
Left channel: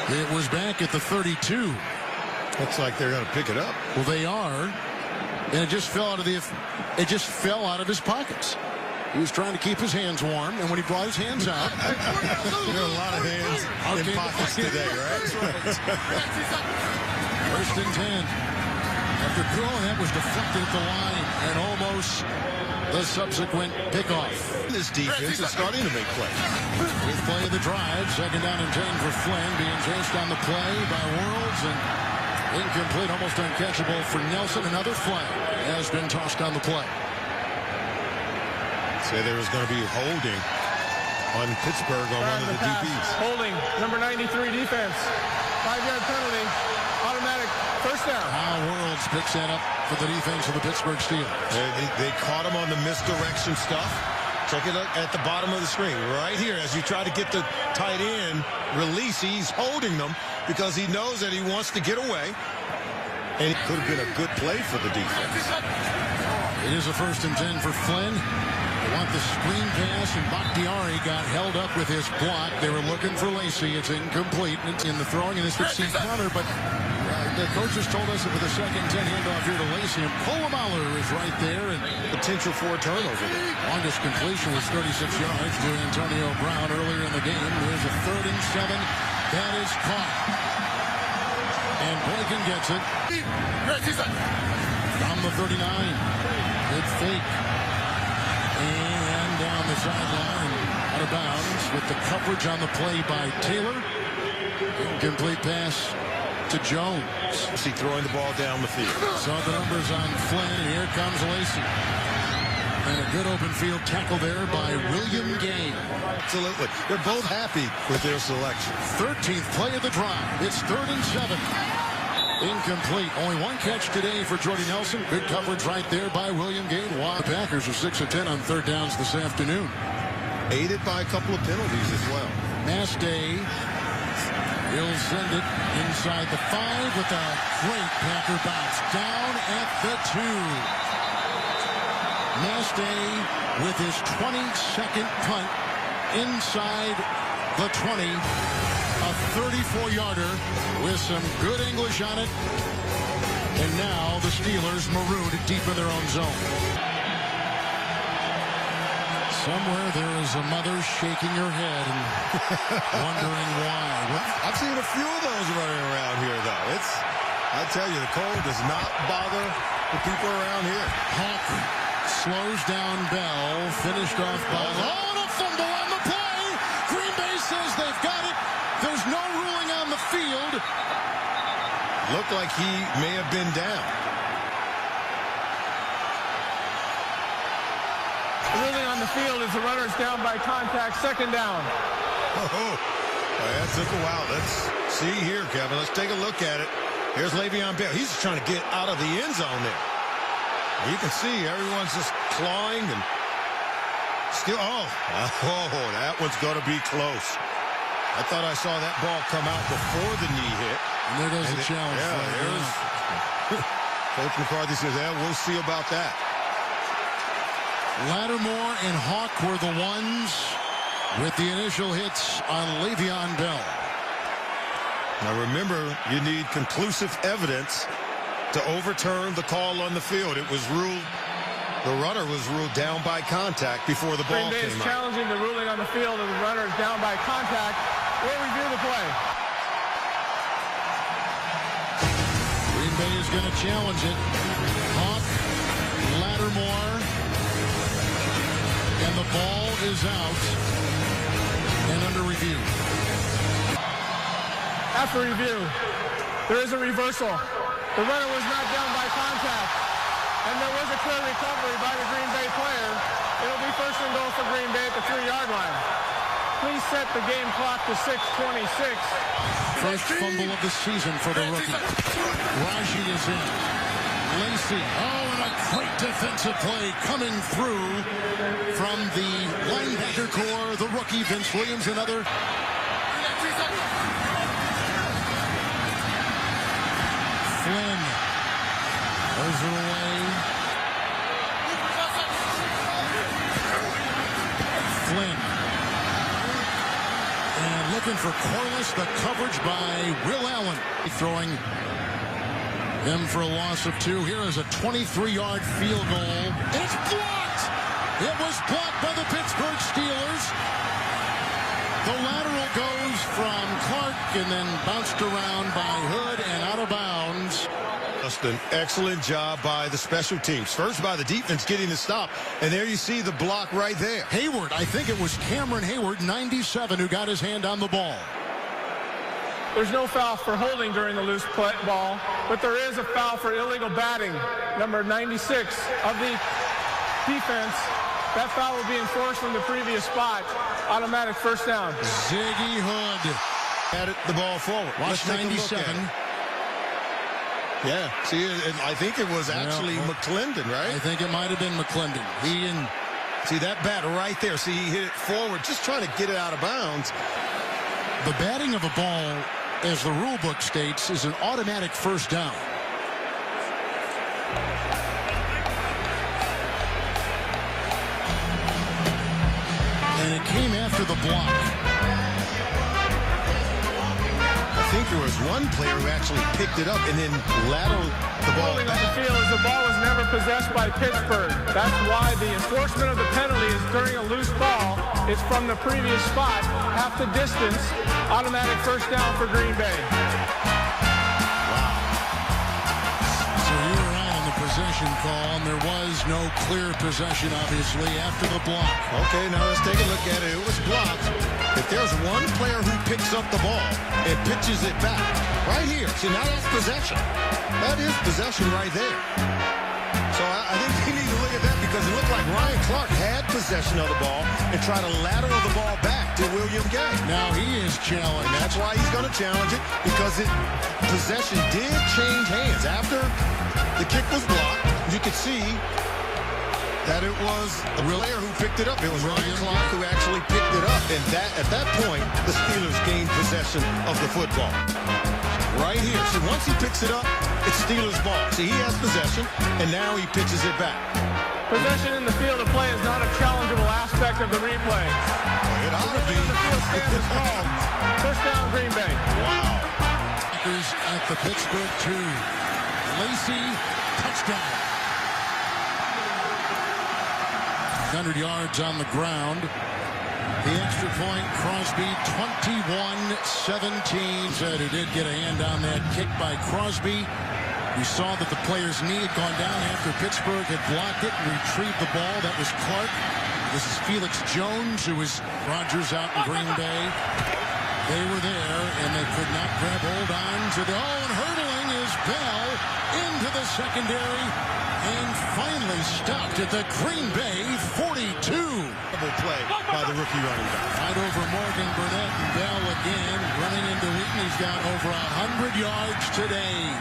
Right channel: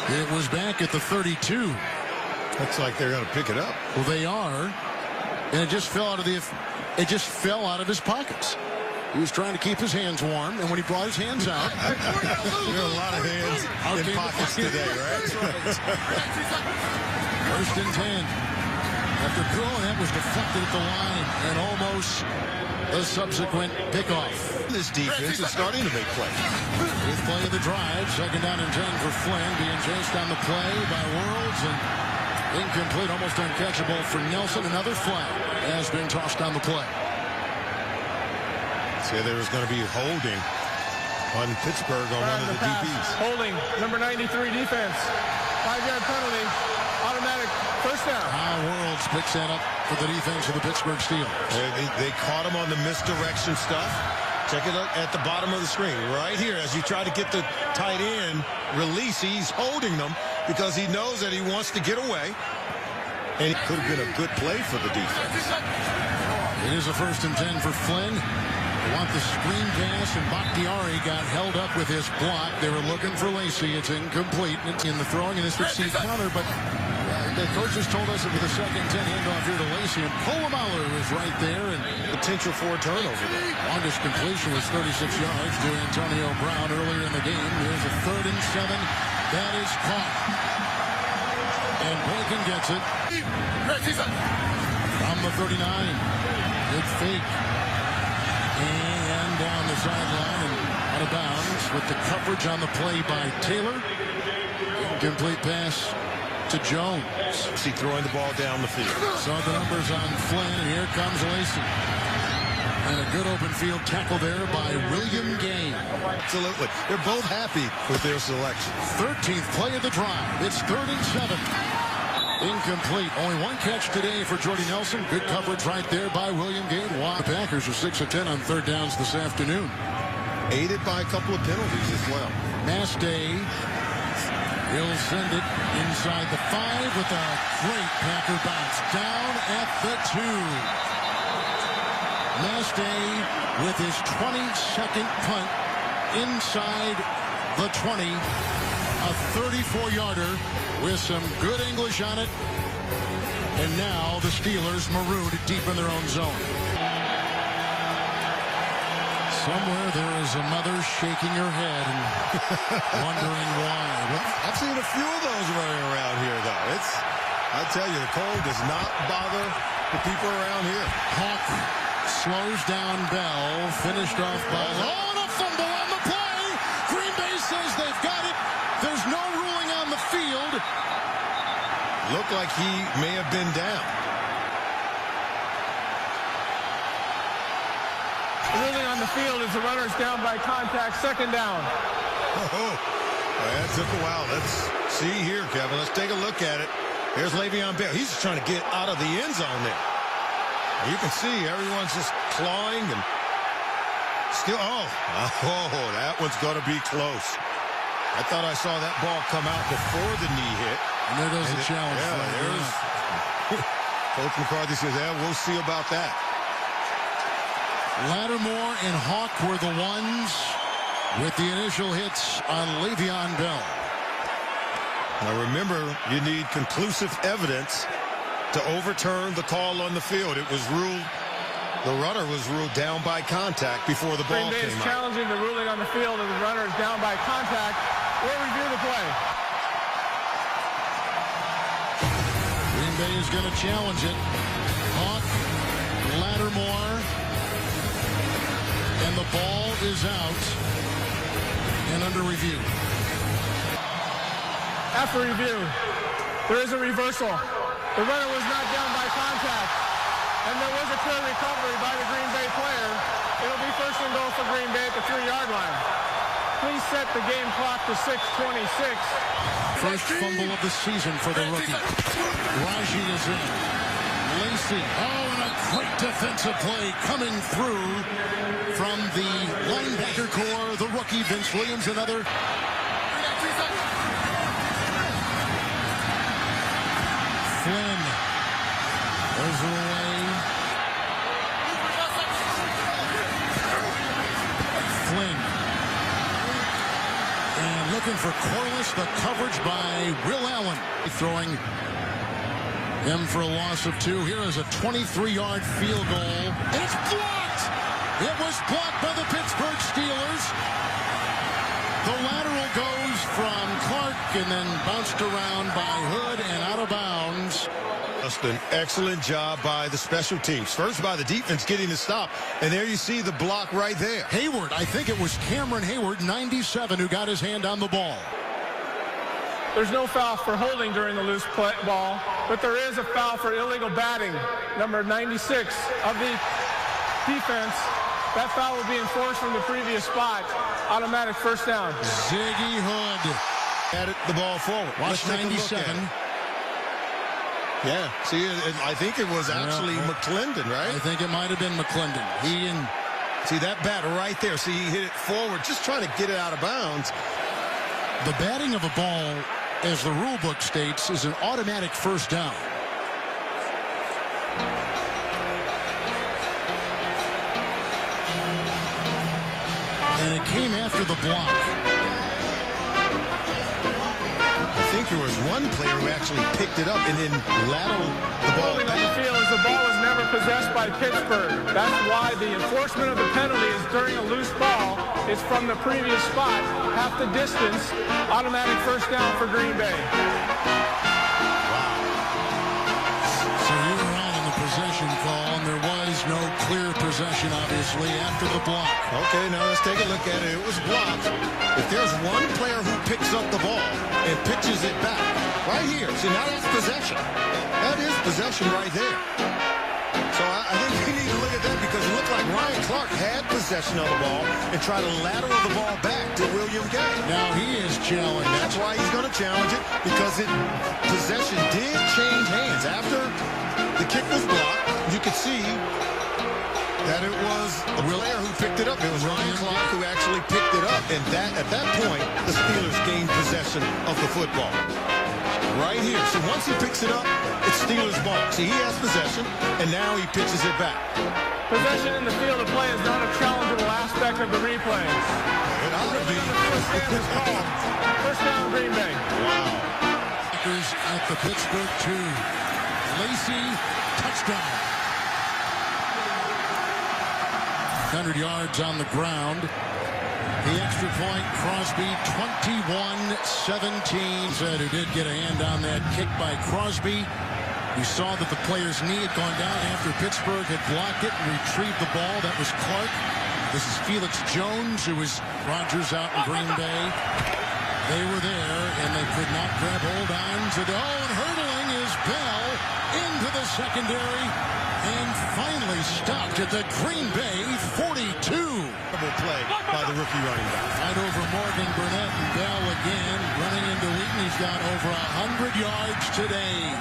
It was back at the 32. Looks like they're going to pick it up. Well, they are, and it just fell out of his pockets. He was trying to keep his hands warm, and when he brought his hands out... there are a lot of hands in pockets today, right? That's right. 1st and 10. After going, that was deflected at the line and almost the subsequent pickoff. This defense is starting to make plays. With play of the drive, 2nd down and 10 for Flynn, being chased on the play by Worlds and incomplete, almost uncatchable for Nelson. Another flag has been tossed on the play. Say there was going to be holding on Pittsburgh on one of the DBs. Holding, number 93 defense. 5-yard penalty, automatic first down. Worlds picks that up for the defense of the Pittsburgh Steelers. They caught him on the misdirection stuff. Check it out at the bottom of the screen. Right here, as you try to get the tight end release, he's holding them because he knows that he wants to get away. And it could have been a good play for the defense. It is a 1st and 10 for Flynn. They want the screen pass, and Bakhtiari got held up with his block. They were looking for Lacey. It's incomplete in the throwing, and this would see counter, but the coaches told us that with a 2nd and 10 handoff here to Lacey, and Polamalu is right there, and potential for a turnover there. Longest completion was 36 yards to Antonio Brown earlier in the game. There's a 3rd and 7. That is caught. And Boykin gets it from the 39. Good fake. And down the sideline and out of bounds with the coverage on the play by Taylor. Incomplete pass to Jones. See throwing the ball down the field. Saw the numbers on Flynn, and here comes Lacey. And a good open field tackle there by William Gay. Absolutely. They're both happy with their selection. 13th play of the drive. It's 3rd and 7. Incomplete. Only one catch today for Jordy Nelson. Good coverage right there by William Gay. The Packers are 6 of 10 on 3rd downs this afternoon. Aided by a couple of penalties as well. Mastay will send it inside the 5 with a great Packer bounce. Down at the 2. Mastay with his 22nd punt inside the 20. A 34-yarder with some good English on it. And now the Steelers marooned deep in their own zone. Somewhere there is a mother shaking her head and wondering why. I've seen a few of those running around here, though. I tell you, the cold does not bother the people around here. Hawk slows down Bell, finished off by... Oh, and a fumble on the play! Green Bay says they've got it. There's no ruling on the field. Looked like he may have been down. Ruling on the field is the runner's down by contact, 2nd down. Oh, that took a while. Let's see here, Kevin. Let's take a look at it. Here's Le'Veon Bell. He's trying to get out of the end zone there. You can see everyone's just clawing and still. Oh, that one's going to be close. I thought I saw that ball come out before the knee hit. And there goes the challenge. Yeah, there's Coach McCarthy says, yeah, we'll see about that. Lattimore and Hawk were the ones with the initial hits on Le'Veon Bell. Now remember, you need conclusive evidence to overturn the call on the field. It was ruled, the runner was ruled down by contact before the ball Green Bay came is out. challenging the ruling on the field of the runner is down by contact. We'll review the play. Green Bay is going to challenge it. Hawk, Lattimore, and the ball is out and under review. After review, there is a reversal. The runner was not down by contact, and there was a clear recovery by the Green Bay player. It'll be 1st and goal for Green Bay at the 3-yard line. Please set the game clock to 6:26. First fumble of the season for the rookie. Raji is in. Lacey. Oh, and a great defensive play coming through from the linebacker core. The rookie, Vince Williams, another. Flynn throws it away. Flynn. And looking for Corliss, the coverage by Will Allen. Throwing him for a loss of 2. Here is a 23-yard field goal. And it's blocked! It was blocked by the Pittsburgh Steelers. The lateral goes from Clark and then bounced around by Hood and out of bounds. Just an excellent job by the special teams. First by the defense getting the stop, and there you see the block right there. Hayward, I think it was Cameron Hayward, 97, who got his hand on the ball. There's no foul for holding during the loose ball, but there is a foul for illegal batting, number 96 of the defense. That foul will be enforced from the previous spot. Automatic first down. Ziggy Hood. Added the ball forward. Watch 97. Yeah, see, I think it was actually McClendon, right? I think it might have been McClendon. See that bat right there. See, he hit it forward, just trying to get it out of bounds. The batting of a ball, as the rule book states, is an automatic first down. And it came after the block. I think there was one player who actually picked it up and then lateraled the ball Holding back. on the field is the ball was never possessed by Pittsburgh. That's why the enforcement of the penalty is during a loose ball. It's from the previous spot, half the distance. Automatic first down for Green Bay. Wow. So you were right on the possession call, and there was no clear possession, obviously, after the block. Okay, now let's take a look at it. It was blocked. If there's one player who picks up the ball and pitches it back, right here. See, now that's possession. That is possession right there. So I think we need to look at that because it looked like Ryan Clark had possession of the ball and tried to lateral the ball back to William Gay. Now he is challenged. That's why he's going to challenge it, because possession did change hands. After the kick was blocked, you could see that it was a player who picked it up. It was Ryan Clark who actually picked it up. And at that point, the Steelers gained possession of the football. Right here. See, once he picks it up, it's Steelers ball. See, he has possession, and now he pitches it back. Possession in the field of play is not a challengeable aspect of the replay. It ought to be. The field stand is called. First down, Green Bay. Wow. Packers at the Pittsburgh 2. Lacey, touchdown. 100 yards on the ground. The extra point, Crosby, 21-17. Said who did get a hand on that kick by Crosby. We saw that the player's knee had gone down after Pittsburgh had blocked it and retrieved the ball. That was Clark. This is Felix Jones, who was Rodgers out in Green Bay. They were there, and they could not grab hold on to the... Oh, and hurdling is Bell into the secondary. And finally stopped at the Green Bay 42. Double play by the rookie running back. Right over Morgan, Burnett, and Bell again. Running into Wheaton. He's got over 100 yards today.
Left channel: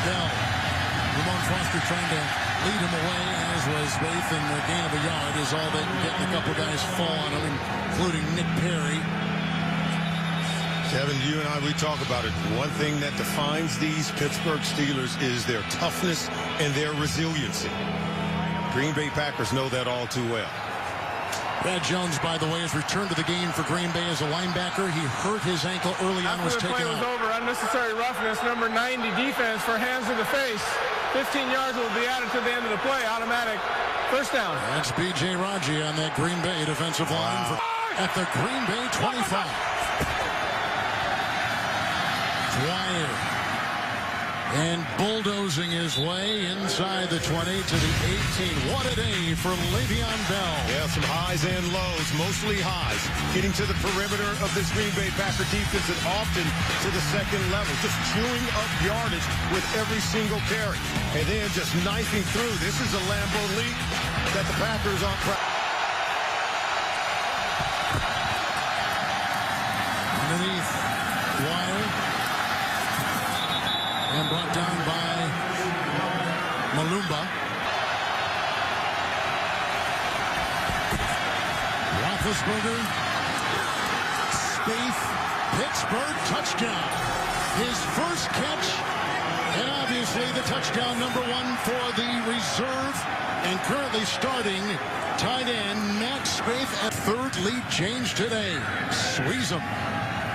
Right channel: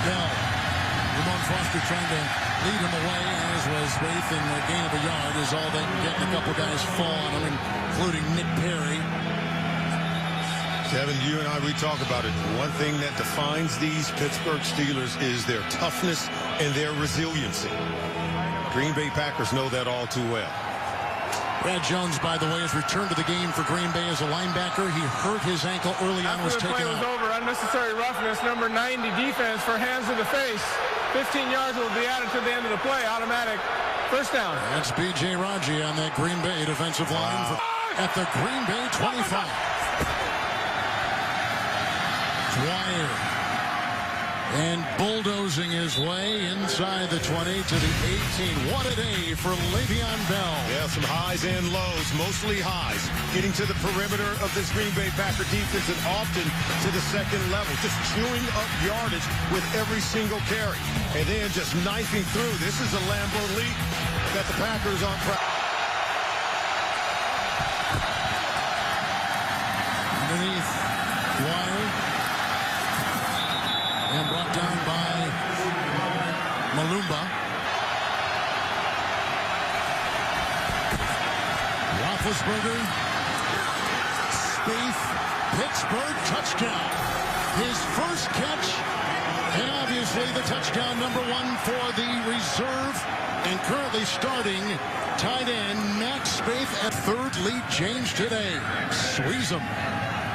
Bell. Ramon Foster trying to lead him away, as was Waith, and the gain of a yard is all they can get. And a couple guys fall on him, including Nick Perry. Kevin, you and I, we talk about it. One thing that defines these Pittsburgh Steelers is their toughness and their resiliency. Green Bay Packers know that all too well. Brad Jones, by the way, has returned to the game for Green Bay as a linebacker. He hurt his ankle early on, was taken out. After the play was over, unnecessary roughness, number 90 defense for hands to the face. 15 yards will be added to the end of the play. Automatic first down. That's B.J. Raji on that Green Bay defensive line at the Green Bay 25. Dwyer, and bulldozing his way inside the 20 to the 18. What a day for Le'Veon Bell. Yeah, some highs and lows, mostly highs. Getting to the perimeter of this Green Bay Packer defense and often to the second level. Just chewing up yardage with every single carry. And then just knifing through. This is a Lambeau leap that the Packers aren't proud. Underneath, Dwyer. And brought down by Malumba. Roethlisberger. Spaeth. Pittsburgh touchdown. His first catch. And obviously the touchdown number 1 for the reserve. And currently starting tight end Matt Spaeth at third. Lead change today. Sweezum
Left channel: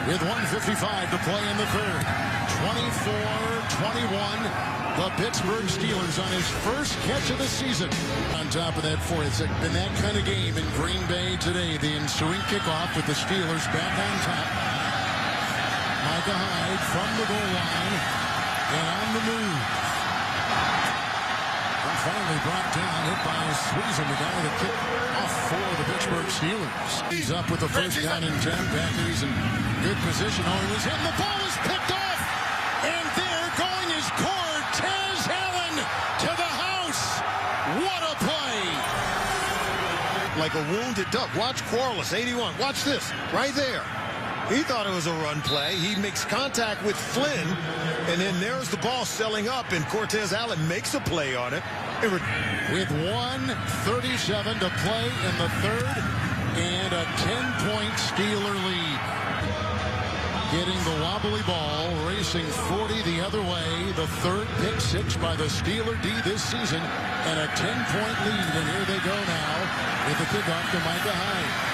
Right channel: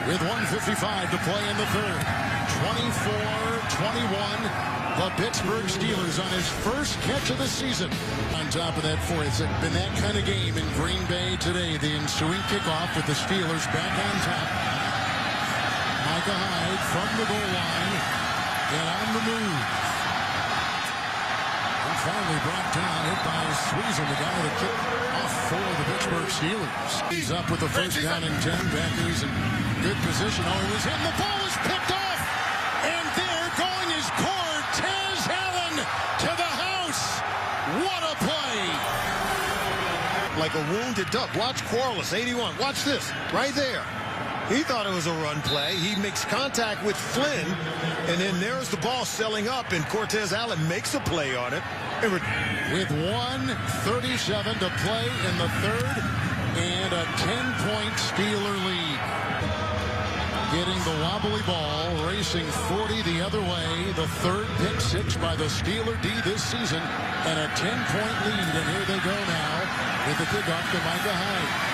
with 1:55 to play in the third. 24-21, the Pittsburgh Steelers on his first catch of the season. On top of that, it's been that kind of game in Green Bay today. The ensuing kickoff with the Steelers back on top. Micah Hyde from the goal line and on the move. And finally brought down, hit by Sweezum, the guy that kicked off for the Pittsburgh Steelers. He's up with the first down and 10. Packers in good position. Oh, he was hitting. The ball is picked off. And there going is Cortez Allen to the house. What a play. Like a wounded duck. Watch Corliss, 81. Watch this, right there. He thought it was a run play. He makes contact with Flynn, and then there's the ball selling up, and Cortez Allen makes a play on it. With 1:37 to play in the third, and a 10-point Steeler lead. Getting the wobbly ball, racing 40 the other way. The third pick six by the Steeler D this season, and a 10-point lead. And here they go now with the kickoff to Micah Hyde.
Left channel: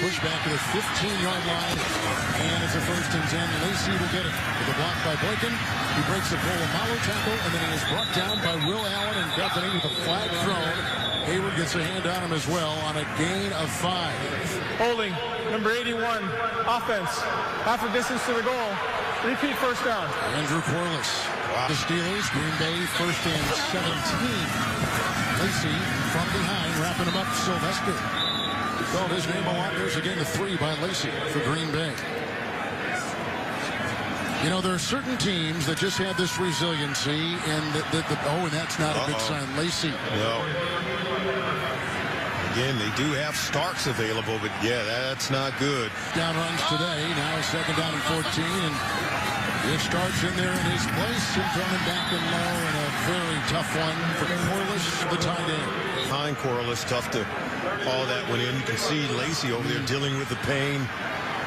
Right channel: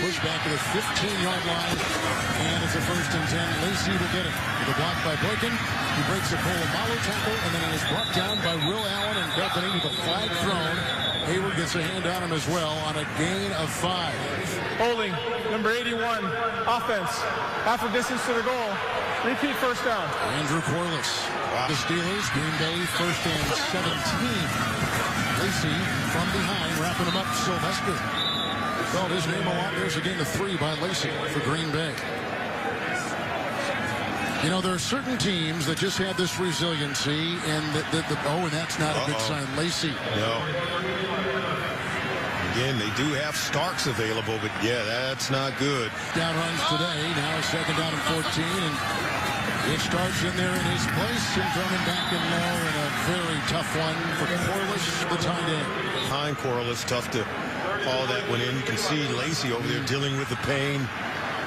Push back to the 15-yard line, and it's a 1st and 10. Lacey will get it with a block by Boykin. He breaks a Polamalu tackle, and then he is brought down by Will Allen and company with a flag thrown. Hayward gets a hand on him as well on a gain of 5. Holding, number 81, offense. Half the distance to the goal. Repeat first down. Andrew Corliss. Wow. The Steelers, Green Bay, 1st and 17. Lacey from behind, wrapping him up. Sylvester. He called his name a lot. There's a gain of 3 by Lacey for Green Bay. You know, there are certain teams that just have this resiliency, and and that's not a good sign. Lacey. No. Again, they do have Starks available, but yeah, that's not good. Down runs today. Now 2nd down and 14, and it starts in there in his place, and coming back in low, and a very tough one for Corliss, the tight end. Behind Corliss, tough to haul that one in. You can see Lacey over there dealing with the pain,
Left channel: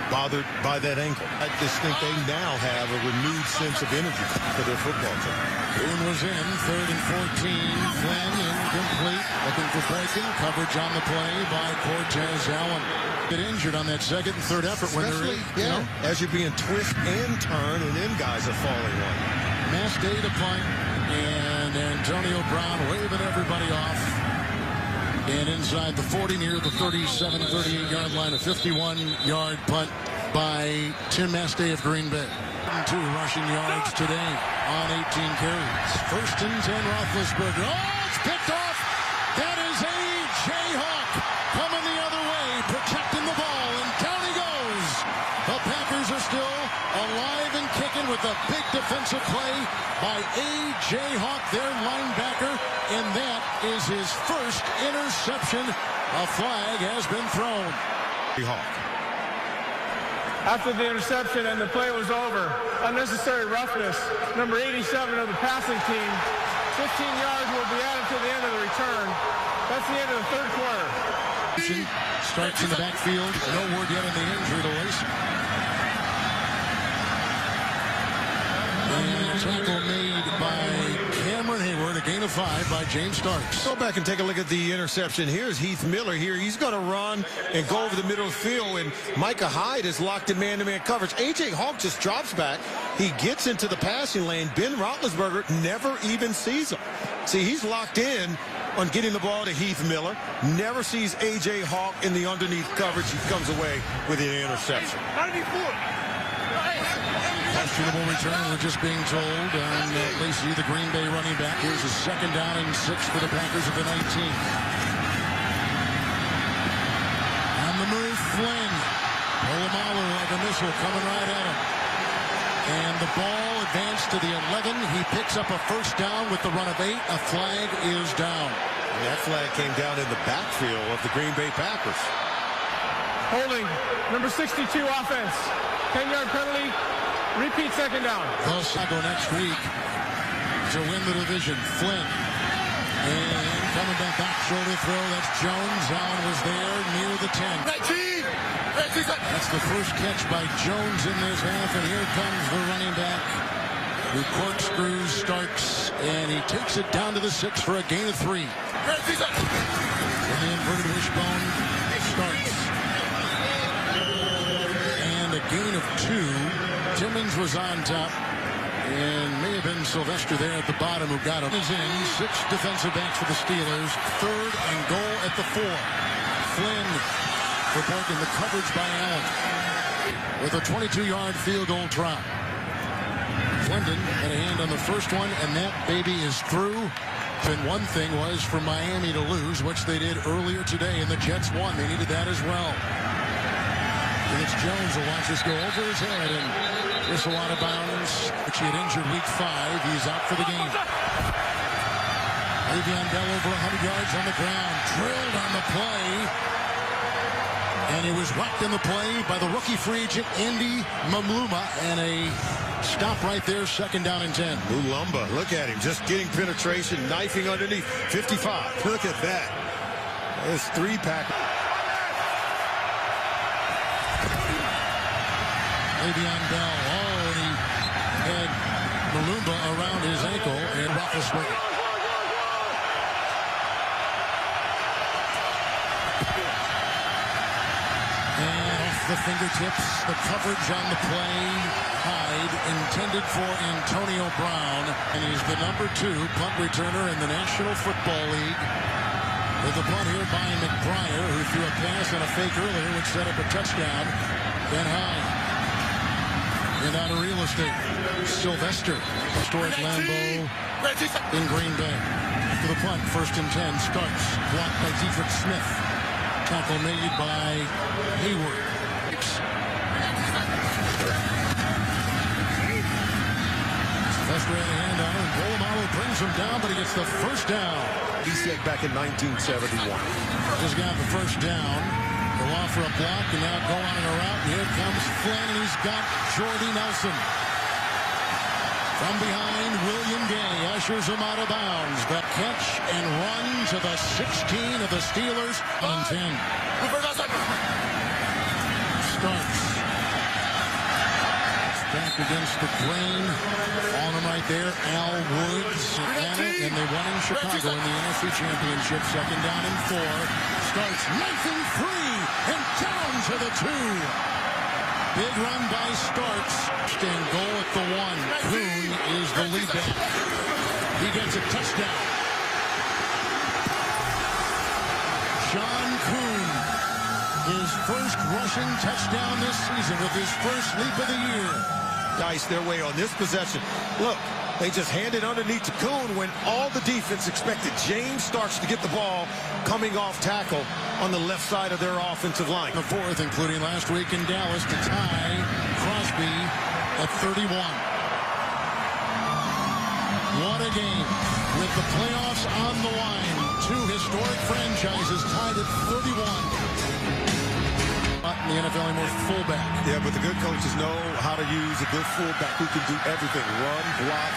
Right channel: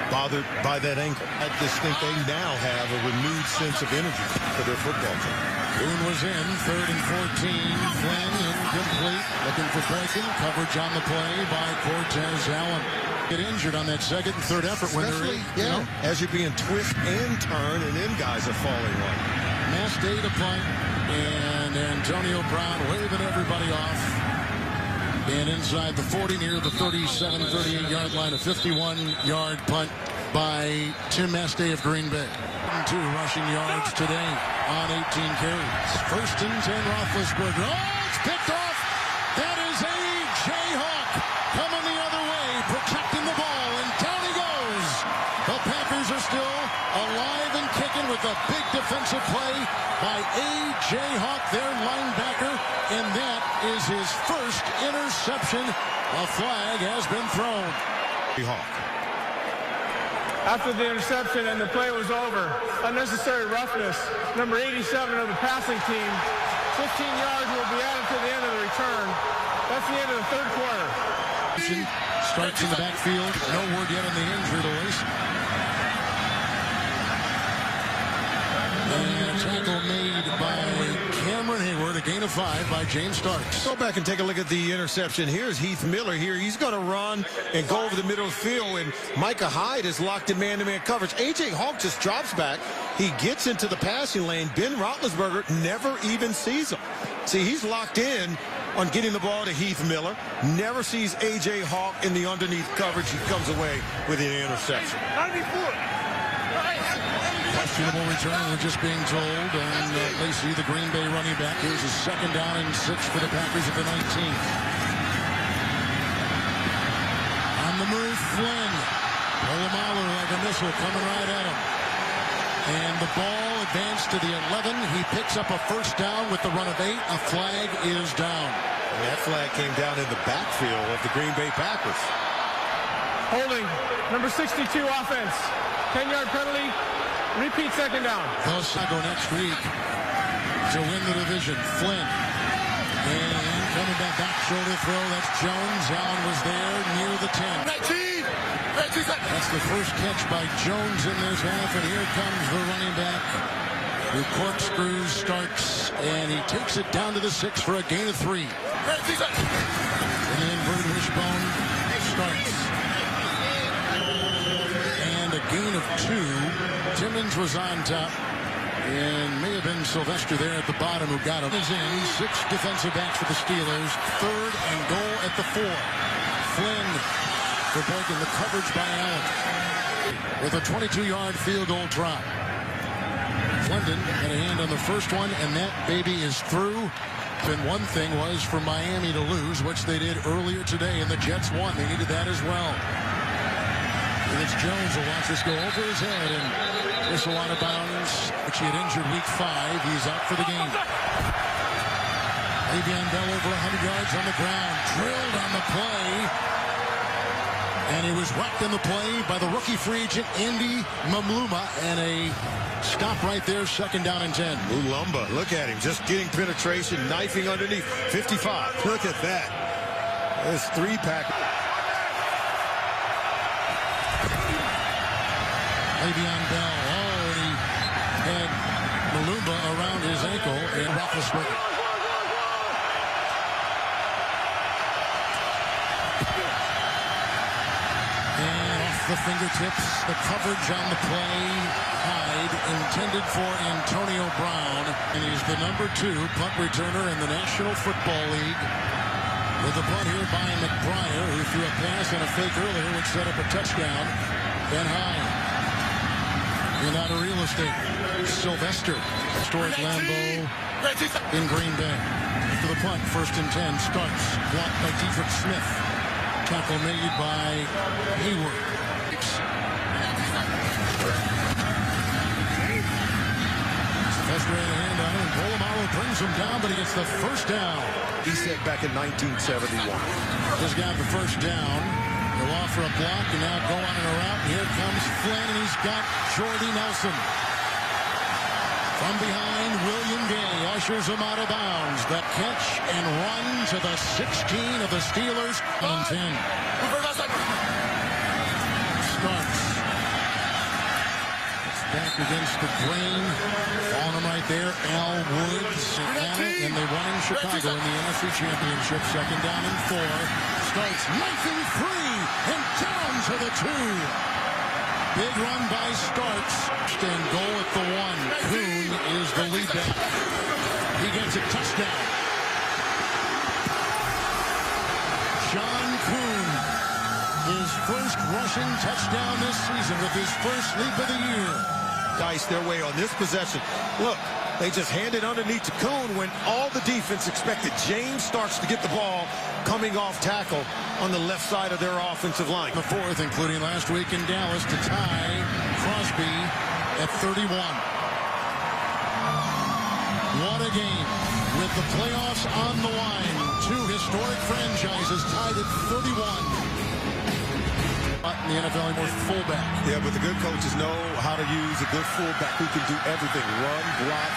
bothered by that ankle. I just think they now have a renewed sense of energy for their football team. Boone was in, 3rd and 14. Flynn incomplete, looking for Boykin. Coverage on the play by Cortez Allen. Get injured on that 2nd and 3rd effort when they're in. You know, as you're being twist and turn, and then guys are falling on you. Mass day to punt, and Antonio Brown waving everybody off. And inside the 40, near the 37, 38-yard line, a 51-yard punt by Tim Mastay of Green Bay. 2 rushing yards today on 18 carries. 1st and 10, Roethlisberger. Oh, it's picked off. That is A.J. Hawk coming the other way, protecting the ball, and down he goes. The Packers are still alive and kicking with a big defensive play by A.J. Hawk, their linebacker, and that is his first interception. A flag has been thrown. Hawk. After the interception and the play was over, unnecessary roughness. Number 87 of the passing team. 15 yards will be added to the end of the return. That's the end of the 3rd quarter. Starts in the backfield. No word yet on the injury to Lacey. And a tackle made by Cameron Hayward, a gain of 5 by James Starks. Go back and take a look at the interception. Here's Heath Miller here. He's going to run and go over the middle of the field, and Micah Hyde is locked in man-to-man coverage. A.J. Hawk just drops back. He gets into the passing lane. Ben Roethlisberger never even sees him. See, he's locked in on getting the ball to Heath Miller. Never sees A.J. Hawk in the underneath coverage. He comes away with an interception. Questionable return, we're just being told, on Lacey, the Green Bay running back. Here's a 2nd down and 6 for the Packers at the 19. On the move, Flynn. Polamalu like a missile coming right at him. And the ball advanced to the 11. He picks up a 1st down with the run of 8. A flag is down. And that flag came down in the backfield of the Green Bay Packers. Holding, number 62 offense. 10-yard penalty. Repeat 2nd down. They'll go next week to win the division. Flynn. And coming back shoulder throw. That's Jones. Allen was there near the 10. That's the first catch by Jones in this half. And here comes the running back who corkscrews Starks. And he takes it down to the 6 for a gain of 3. In the inverted wishbone, Starks. And a gain of 2. Timmons was on top, and may have been Sylvester there at the bottom who got him. Is in 6 defensive backs for the Steelers. 3rd and goal at the 4. Flynn for Boykin, the coverage by Allen. with a 22-yard field goal try. Flynn had a hand on the first one, and that baby is through. And one thing was for Miami to lose, which they did earlier today, and the Jets won. They needed that as well. And it's Jones will watch this go over his head, and whistle out of bounds, which he had injured week 5. He's out for the game. Le'Veon Bell over 100 yards on the ground, drilled on the play, and he was whacked in the play by the rookie free agent Andy Mamluma, and a stop right there, 2nd down and 10. Mulumba, look at him, just getting penetration, knifing underneath. 55, look at that. There's 3-pack. Le'Veon Bell, and he had Mulumba around his ankle, and Roethlisberger. And off the fingertips, the coverage on the play. Hyde intended for Antonio Brown, and he's the number 2 punt returner in the National Football League. With the punt here by McBriar, who threw a pass and a fake earlier, which set up a touchdown. And Hyde. And out of real estate, Sylvester. Historic Lambeau in Green Bay. After the punt, 1st and 10 starts. Blocked by Dietrich Smith. Tackle made by Hayward. Sylvester had a hand on him, and Polamalu brings him down, but he gets the 1st down. He said back in 1971. Just got the 1st down. They'll offer a block, and now go on in a route. And here comes Flynn, and he's got Jordy Nelson. From behind, William Gay ushers him out of bounds. The catch and run to the 16 of the Steelers. 1 and 10. Starks. It's back against the grain. On him right there, Al Woods, Atlanta, and they won in Chicago in the NFC Championship. 2nd down and 4. Starts knifing 3 and down to the 2. Big run by Starks. And goal at the 1. Kuhn is the lead back. He gets a touchdown. John Kuhn, his first rushing touchdown this season with his first leap of the year. Dice their way on this possession. Look, they just handed underneath to Kuhn when all the defense expected James Starks to get the ball coming off tackle on the left side of their offensive line. The 4th, including last week in Dallas, to tie Crosby at 31. What a game. With the playoffs on the line, 2 historic franchises tied at 31. In the NFL anymore, fullback. Yeah, but the good coaches know how to use a good fullback who can do everything. Run, block,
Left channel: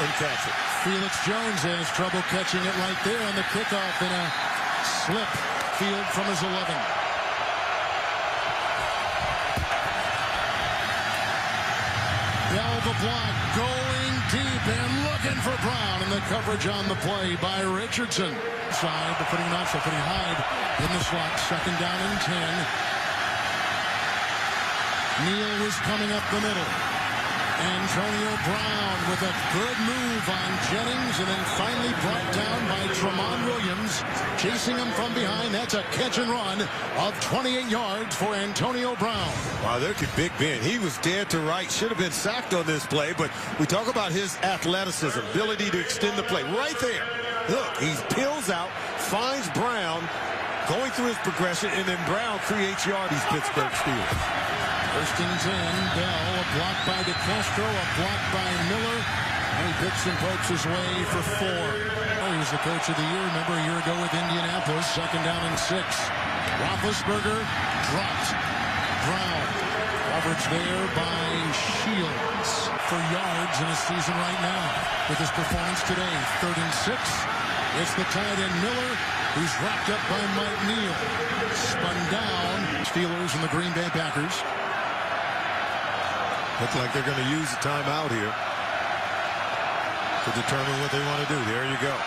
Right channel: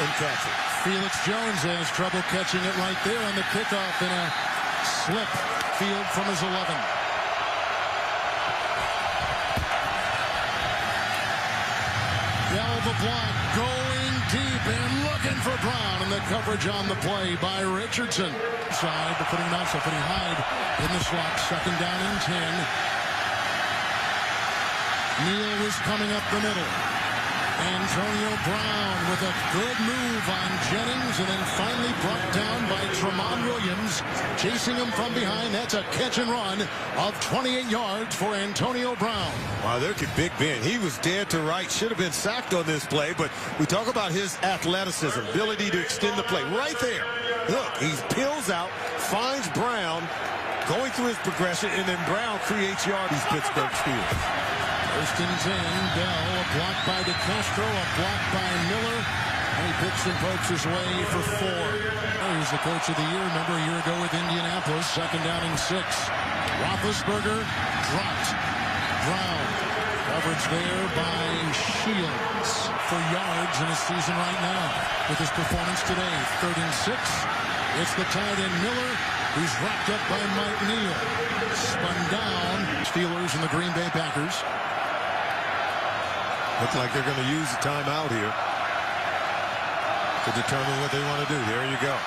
and catch it. Felix Jones has trouble catching it right there on the kickoff in a slip field from his 11. Bell the block, going deep and looking for Brown, and the coverage on the play by Richardson. Side, but putting him outside, putting Hyde in the slot. 2nd down and 10. Neal was coming up the middle. Antonio Brown with a good move on Jennings, and then finally brought down by Tramon Williams, chasing him from behind. That's a catch and run of 28 yards for Antonio Brown. Wow, there could Big Ben. He was dead to right. Should have been sacked on this play, but we talk about his athleticism, ability to extend the play. Right there. Look, he peels out, finds Brown, going through his progression, and then Brown creates yards. These Pittsburgh Steelers. 1st and 10. Bell, a block by DeCastro, a block by Miller, and he picks and pokes his way for 4. He was the coach of the year, remember, a year ago with Indianapolis. 2nd down and 6. Roethlisberger dropped. Brown, coverage there by Shields for yards in his season right now with his performance today. 3rd and 6. It's the tight end Miller, who's wrapped up by Mike Neal. Spun down. Steelers and the Green Bay Packers. Look like they're going to use a timeout here to determine what they want to do. There you go.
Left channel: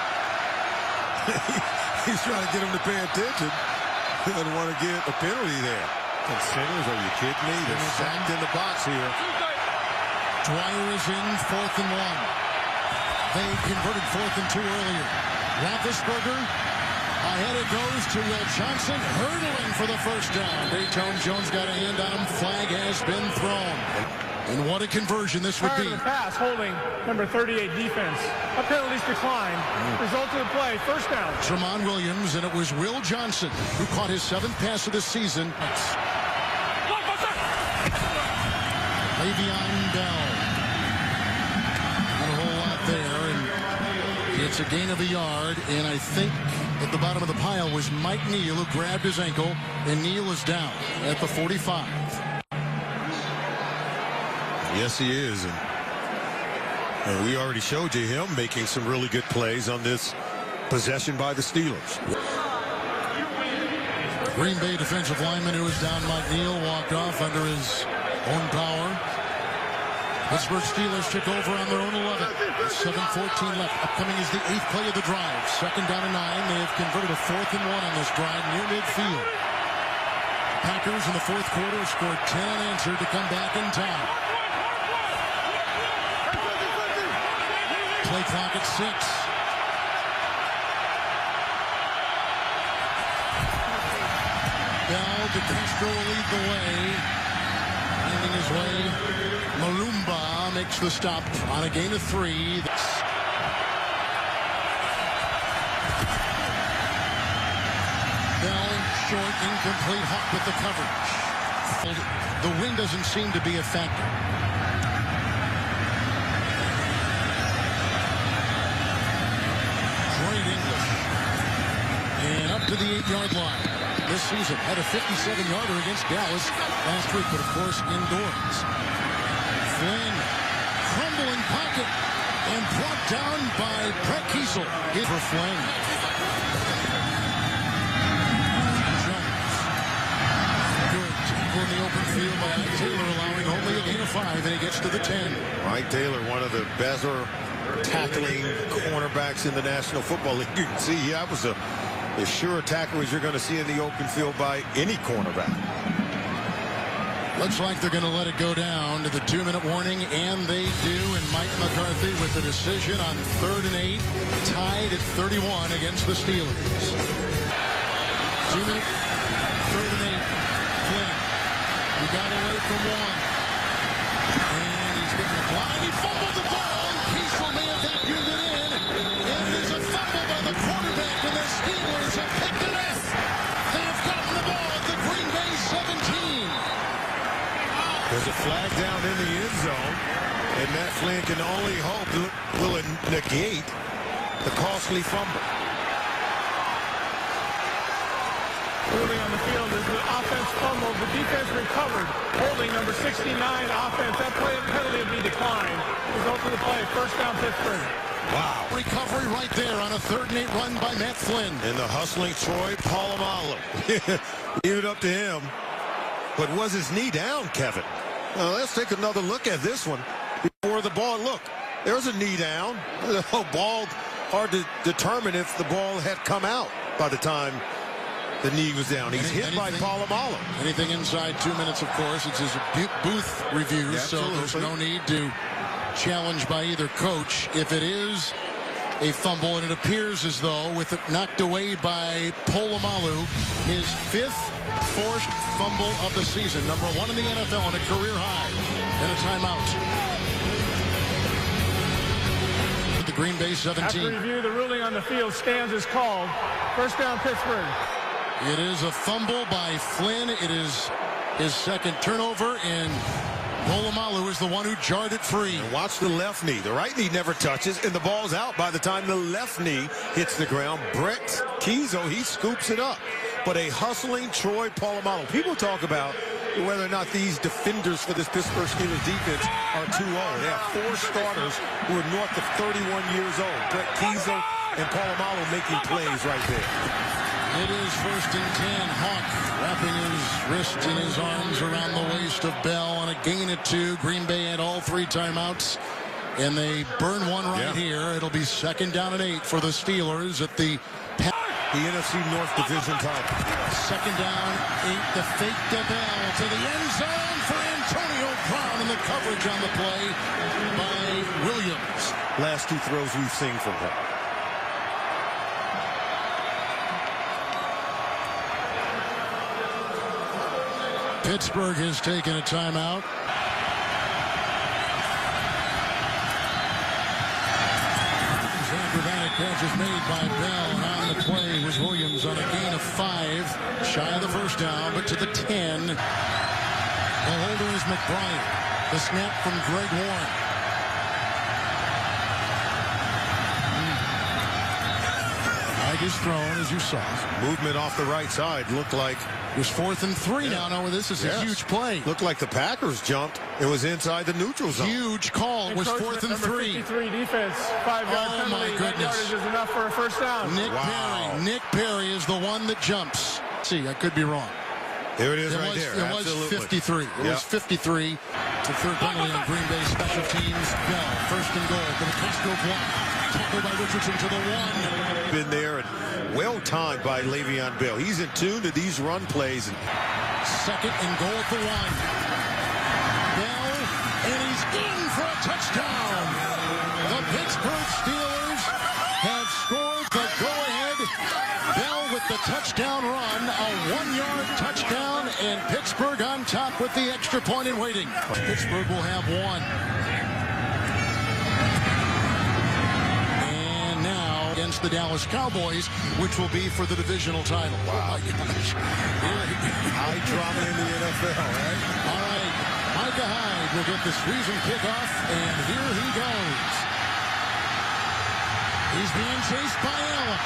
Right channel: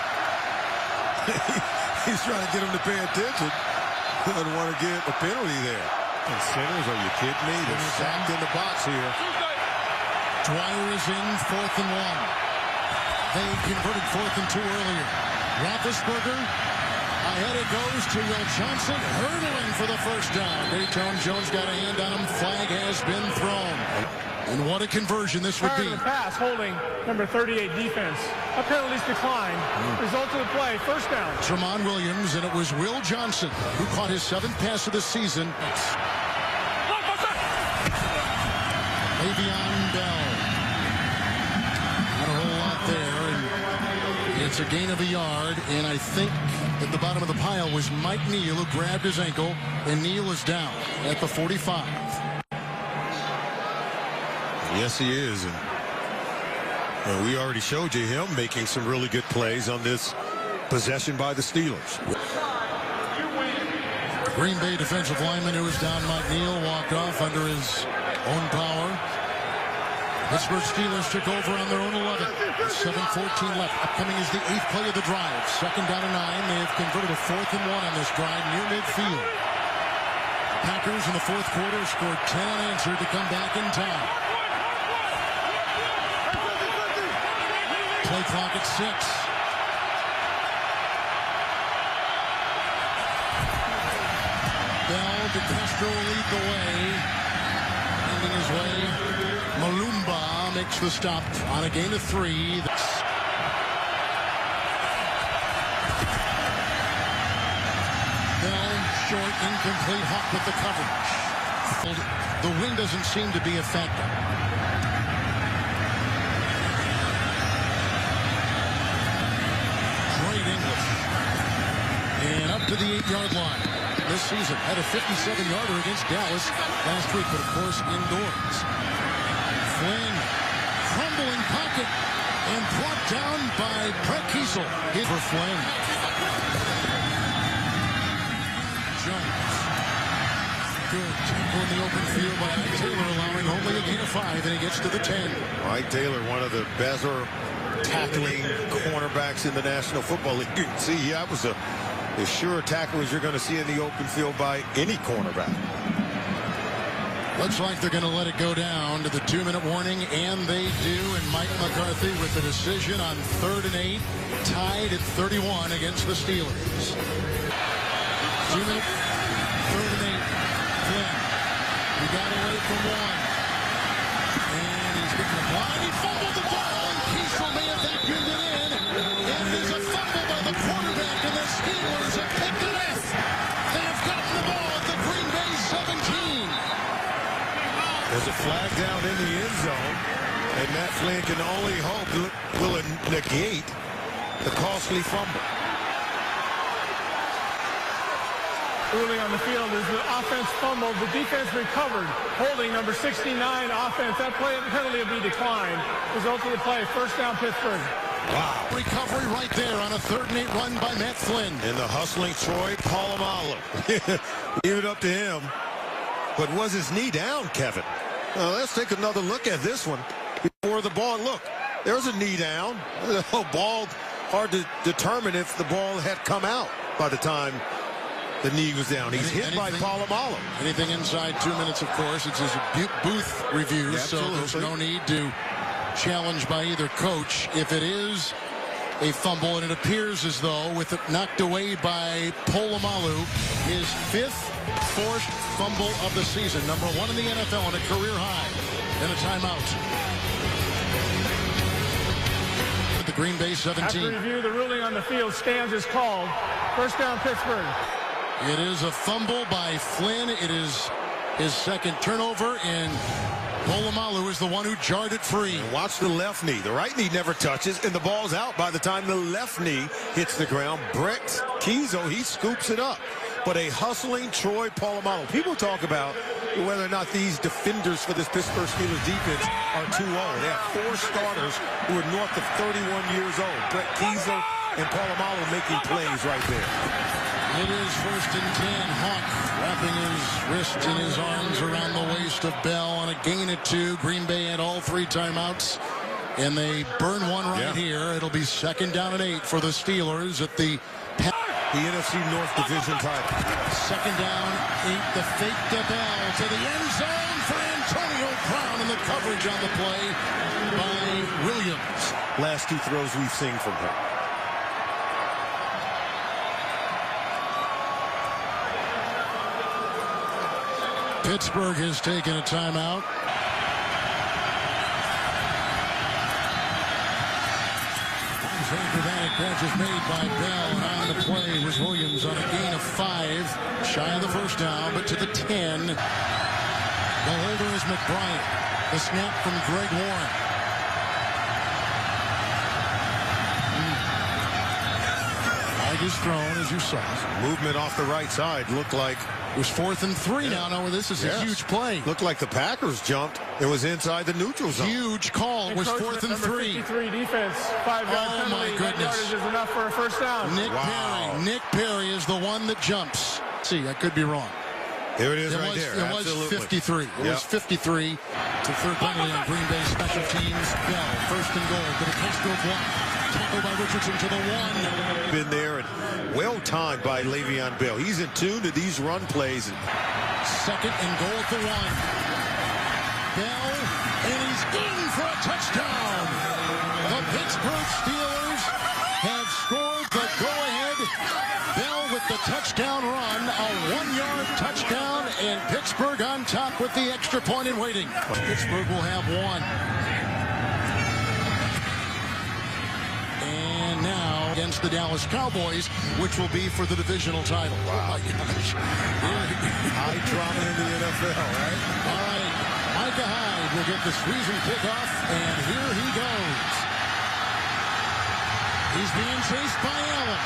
He's trying to get them to pay attention. He doesn't want to get a penalty there. And Sinners, are you kidding me? They're sacked in the box here. Dwyer is in 4th and 1. They converted 4th and 2 earlier. Roethlisberger Ahead it goes to Will Johnson, hurdling for the first down. Dayton Jones got a hand on him. Flag has been thrown. And what a conversion this would be. Prior to the pass, holding number 38 defense. A penalty's declined. Result of the play, first down. Tramon Williams, and it was Will Johnson who caught his 7th pass of the season. Le'Veon Bell. Not a whole lot there, and it's a gain of a yard, and I think at the bottom of the pile was Mike Neal, who grabbed his ankle, and Neal is down at the 45. Yes, he is. And we already showed you him making some really good plays on this possession by the Steelers. The Green Bay defensive lineman who was down, Mike Neal, walked off under his own power. Pittsburgh Steelers took over on their own 11. 7:14 left. Upcoming is the 8th play of the drive. 2nd down and 9. They have converted a 4th and 1 on this drive near midfield. The Packers in the 4th quarter scored 10 unanswered to come back in time. Play clock at 6. Bell, DeCastro will lead the way. Finding his way. Malumba makes the stop on a gain of 3. Bell, short, incomplete. Hawk with the coverage. The wind doesn't seem to be a factor. Great English. And up to the 8-yard line. This season had a 57-yarder against Dallas last week, but of course indoors. Flynn, crumbling pocket, and brought down by Brett Kiesel. Hit for Flynn. Jones. Good tackle in the open field by Ike Taylor, allowing only a gain of 5, and he gets to the 10. Ike Taylor, one of the better tackling cornerbacks in the National Football League. You can see that was as sure a tackle as you're going to see in the open field by any cornerback. Looks like they're going to let it go down to the 2-minute warning, and they do. And Mike McCarthy with the decision on 3rd and 8, tied at 31 against the Steelers. 2-minute, 3rd and 8. Flynn, he got away from 1, and he's getting the blind. He fumbled the ball, and Kiesel may have vacuumed it in. And it is a fumble by the quarterback, and the Steelers have picked it up. They have gotten the ball at the Green Bay 17. There's a flag down in the end zone, and Matt Flynn can only hope will it negate the costly fumble. Ruling on the field is the offense fumbled. The defense recovered. Holding number 69 offense. That penalty will be declined. Result of the play, first down Pittsburgh. Wow. Recovery right there on a 3rd and 8 run by Matt Flynn. And the hustling Troy Polamalu. Leave it up to him. But was his knee down, Kevin? Well, let's take another look at this one before the ball. Look, there's a knee down. The ball, hard to determine if the ball had come out by the time the knee was down. He's hit by Polamalu. Anything inside 2 minutes, of course. It's his booth review, so there's no need to challenge by either coach. If it is a fumble, and it appears as though, with it knocked away by Polamalu, his 5th forced fumble of the season, number 1 in the NFL, and a career high, and a timeout. The Green Bay 17. After review, the ruling on the field stands as called. First down Pittsburgh. It is a fumble by Flynn. It is his 2nd turnover, and Polamalu is the one who jarred it free. And watch the left knee. The right knee never touches, and the ball's out by the time the left knee hits the ground. Brett Kiesel, he scoops it up. But a hustling Troy Polamalu. People talk about whether or not these defenders for this Pittsburgh Steelers defense are too old. They have 4 starters who are north of 31 years old. Brett Kiesel and Polamalu making plays right there. It is 1st and 10. Hawk wrapping his wrist and his arms around the waist of Bell on a gain of 2. Green Bay had all 3 timeouts, and they burn one right here. It'll be 2nd down and 8 for the Steelers at the NFC North Division title. 2nd down, 8. The fake to Bell to the end zone for Antonio Brown, and the coverage on the play by Williams. Last 2 throws we've seen from him. Pittsburgh has taken a timeout. Acrobatic catch is made by Bell, and on the play was Williams on a gain of 5, shy of the first down, but to the 10. The holder is McBride. The snap from Greg Warren. Flag is thrown, as you saw. Movement off the right side looked like It was 4th and 3 now. No, this is a huge play. Looked like the Packers jumped. It was inside the neutral zone. Huge call. It was 4th and 3. 53 defense. 5-yard penalty. My goodness. That yardage is enough for a first down. Nick Perry is the one that jumps. See, I could be wrong. Here it is It was 53. It was 53. To third penalty on Green Bay special teams. Bell, 1st and goal. To the Castro block. Tackled by Richardson to the 1. Been there and well timed by Le'Veon Bell. He's in tune to these run plays. 2nd and goal at the 1. Bell, and he's in for a touchdown. The Pittsburgh Steelers have scored the go-ahead. Bell with the touchdown run, a 1-yard touchdown, and Pittsburgh on top with the extra point in waiting. Pittsburgh will have 1. And now against the Dallas Cowboys, which will be for the divisional title. Wow. Oh my gosh. High drama in the NFL, right? All right. Micah Hyde will get the squeeze and kickoff, and here he goes. He's being chased by Allen.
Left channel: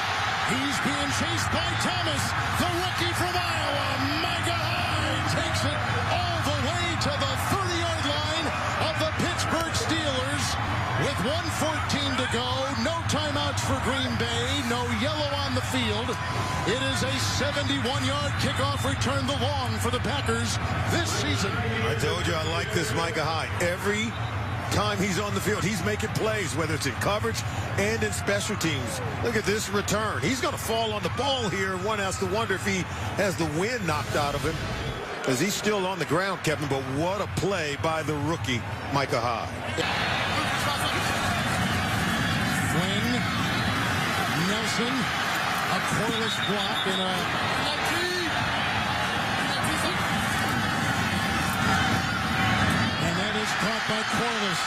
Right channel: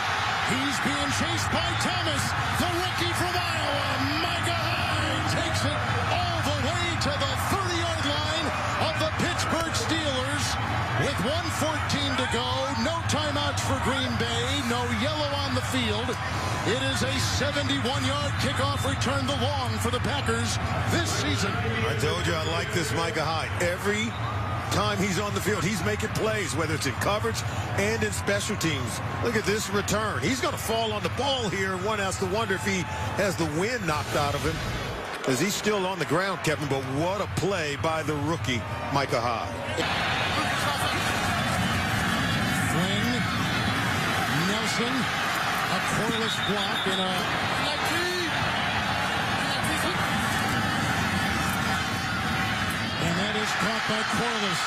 He's being chased by Thomas, the rookie from Iowa. Micah Hyde takes it all the way to the 30-yard line of the Pittsburgh Steelers with 1:14 to go. No timeouts for Green Bay. No yellow on the field. It is a 71-yard kickoff return, the long for the Packers this season. I told you I like this Micah Hyde. Every time he's on the field, he's making plays, whether it's in coverage and in special teams. Look at this return. He's going to fall on the ball here. One has to wonder if he has the wind knocked out of him, because he's still on the ground, Kevin. But what a play by the rookie, Micah Hyde. Flynn, Nelson, a Corliss block, and that is caught by Corliss.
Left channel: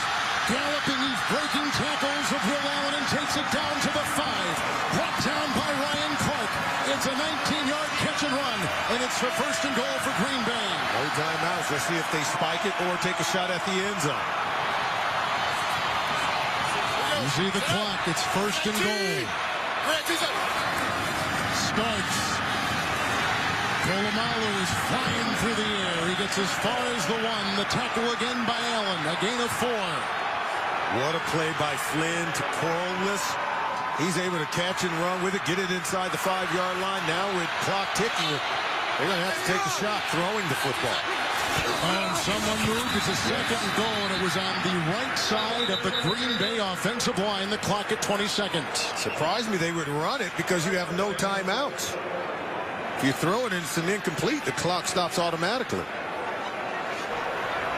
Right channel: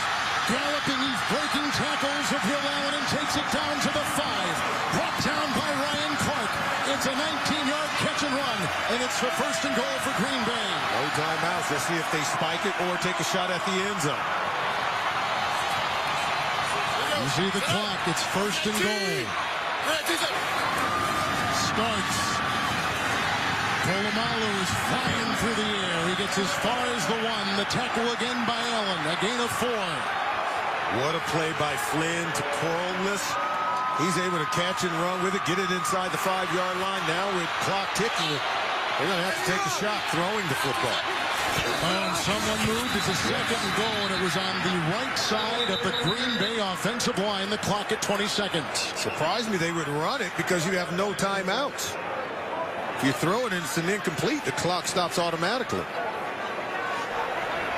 Galloping, he's breaking tackles of Will Allen and takes it down to the 5. Brought down by Ryan Clark. It's a 19-yard catch and run, and it's the 1st and goal for Green Bay. No timeouts. Let's see if they spike it or take a shot at the end zone. You see the clock. It's 1st and goal. Starts. Polamalu is flying through the air. He gets as far as the 1. The tackle again by Allen. A gain of 4. What a play by Flynn to Corliss. He's able to catch and run with it, get it inside the 5-yard line. Now with clock ticking, they're going to have to take a shot throwing the football. Oh, and someone moved. It's a 2nd and goal, and it was on the right side of the Green Bay offensive line. The clock at 20 seconds. Surprised me they would run it because you have no timeouts. If you throw it and it's an incomplete, the clock stops automatically.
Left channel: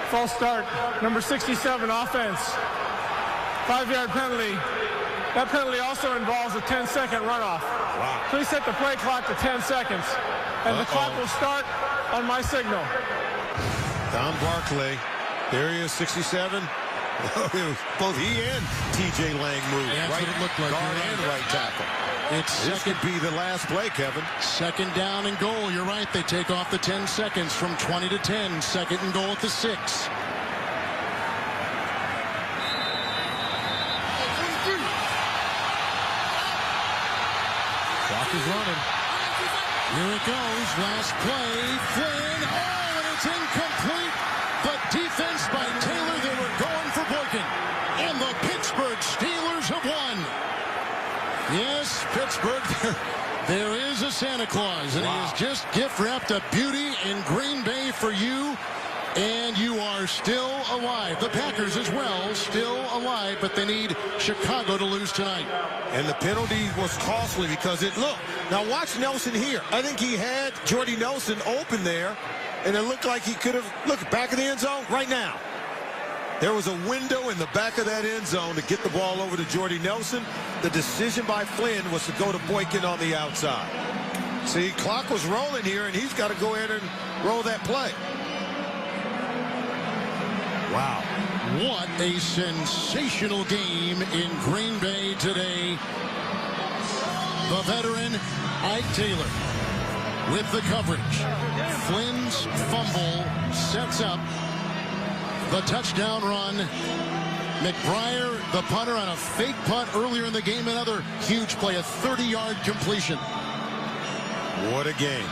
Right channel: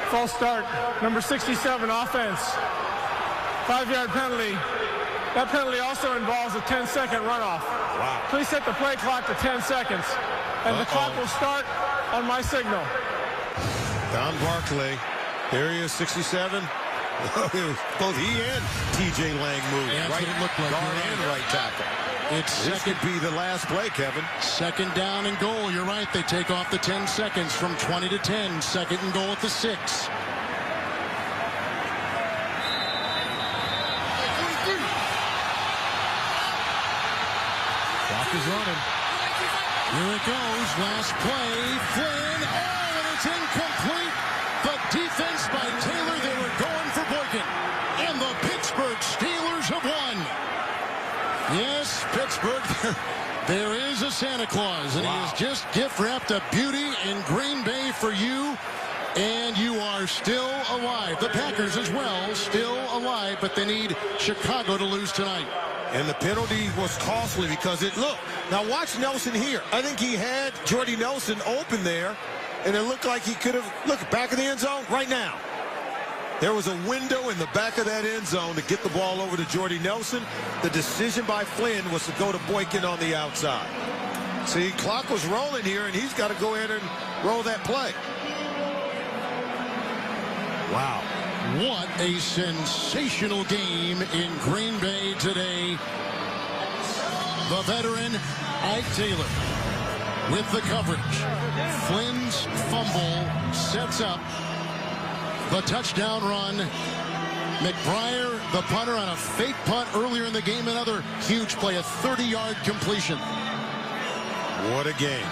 False start. Number 67, offense. 5-yard penalty. That penalty also involves a 10-second runoff. Wow. Please set the play clock to 10 seconds. And the clock will start on my signal. Don Barclay. There he is, 67. Both he and T.J. Lang moved. Yeah, right what it looked like. guard and right tackle. This could be the last play, Kevin. 2nd down and goal. You're right. They take off the 10 seconds from 20 to 10. 2nd and goal at the 6. Clock is running. Here it goes. Last play. Flynn. Oh, and it's incomplete. The defense by Taylor. They were going for Boykin. And the Pittsburgh Steelers have won. Yes, Pittsburgh, there is a Santa Claus, and he has just gift-wrapped a beauty in Green Bay for you, and you are still alive. The Packers as well, still alive, but they need Chicago to lose tonight. And the penalty was costly because look, now watch Nelson here. I think he had Jordy Nelson open there, and it looked like he could have, look, back of the end zone right now. There was a window in the back of that end zone to get the ball over to Jordy Nelson. The decision by Flynn was to go to Boykin on the outside. See, clock was rolling here, and he's got to go ahead and roll that play. Wow. What a sensational game in Green Bay today. The veteran, Ike Taylor, with the coverage. Flynn's fumble sets up the touchdown run. McBriar, the punter, on a fake punt earlier in the game. Another huge play, a 30-yard completion. What a game.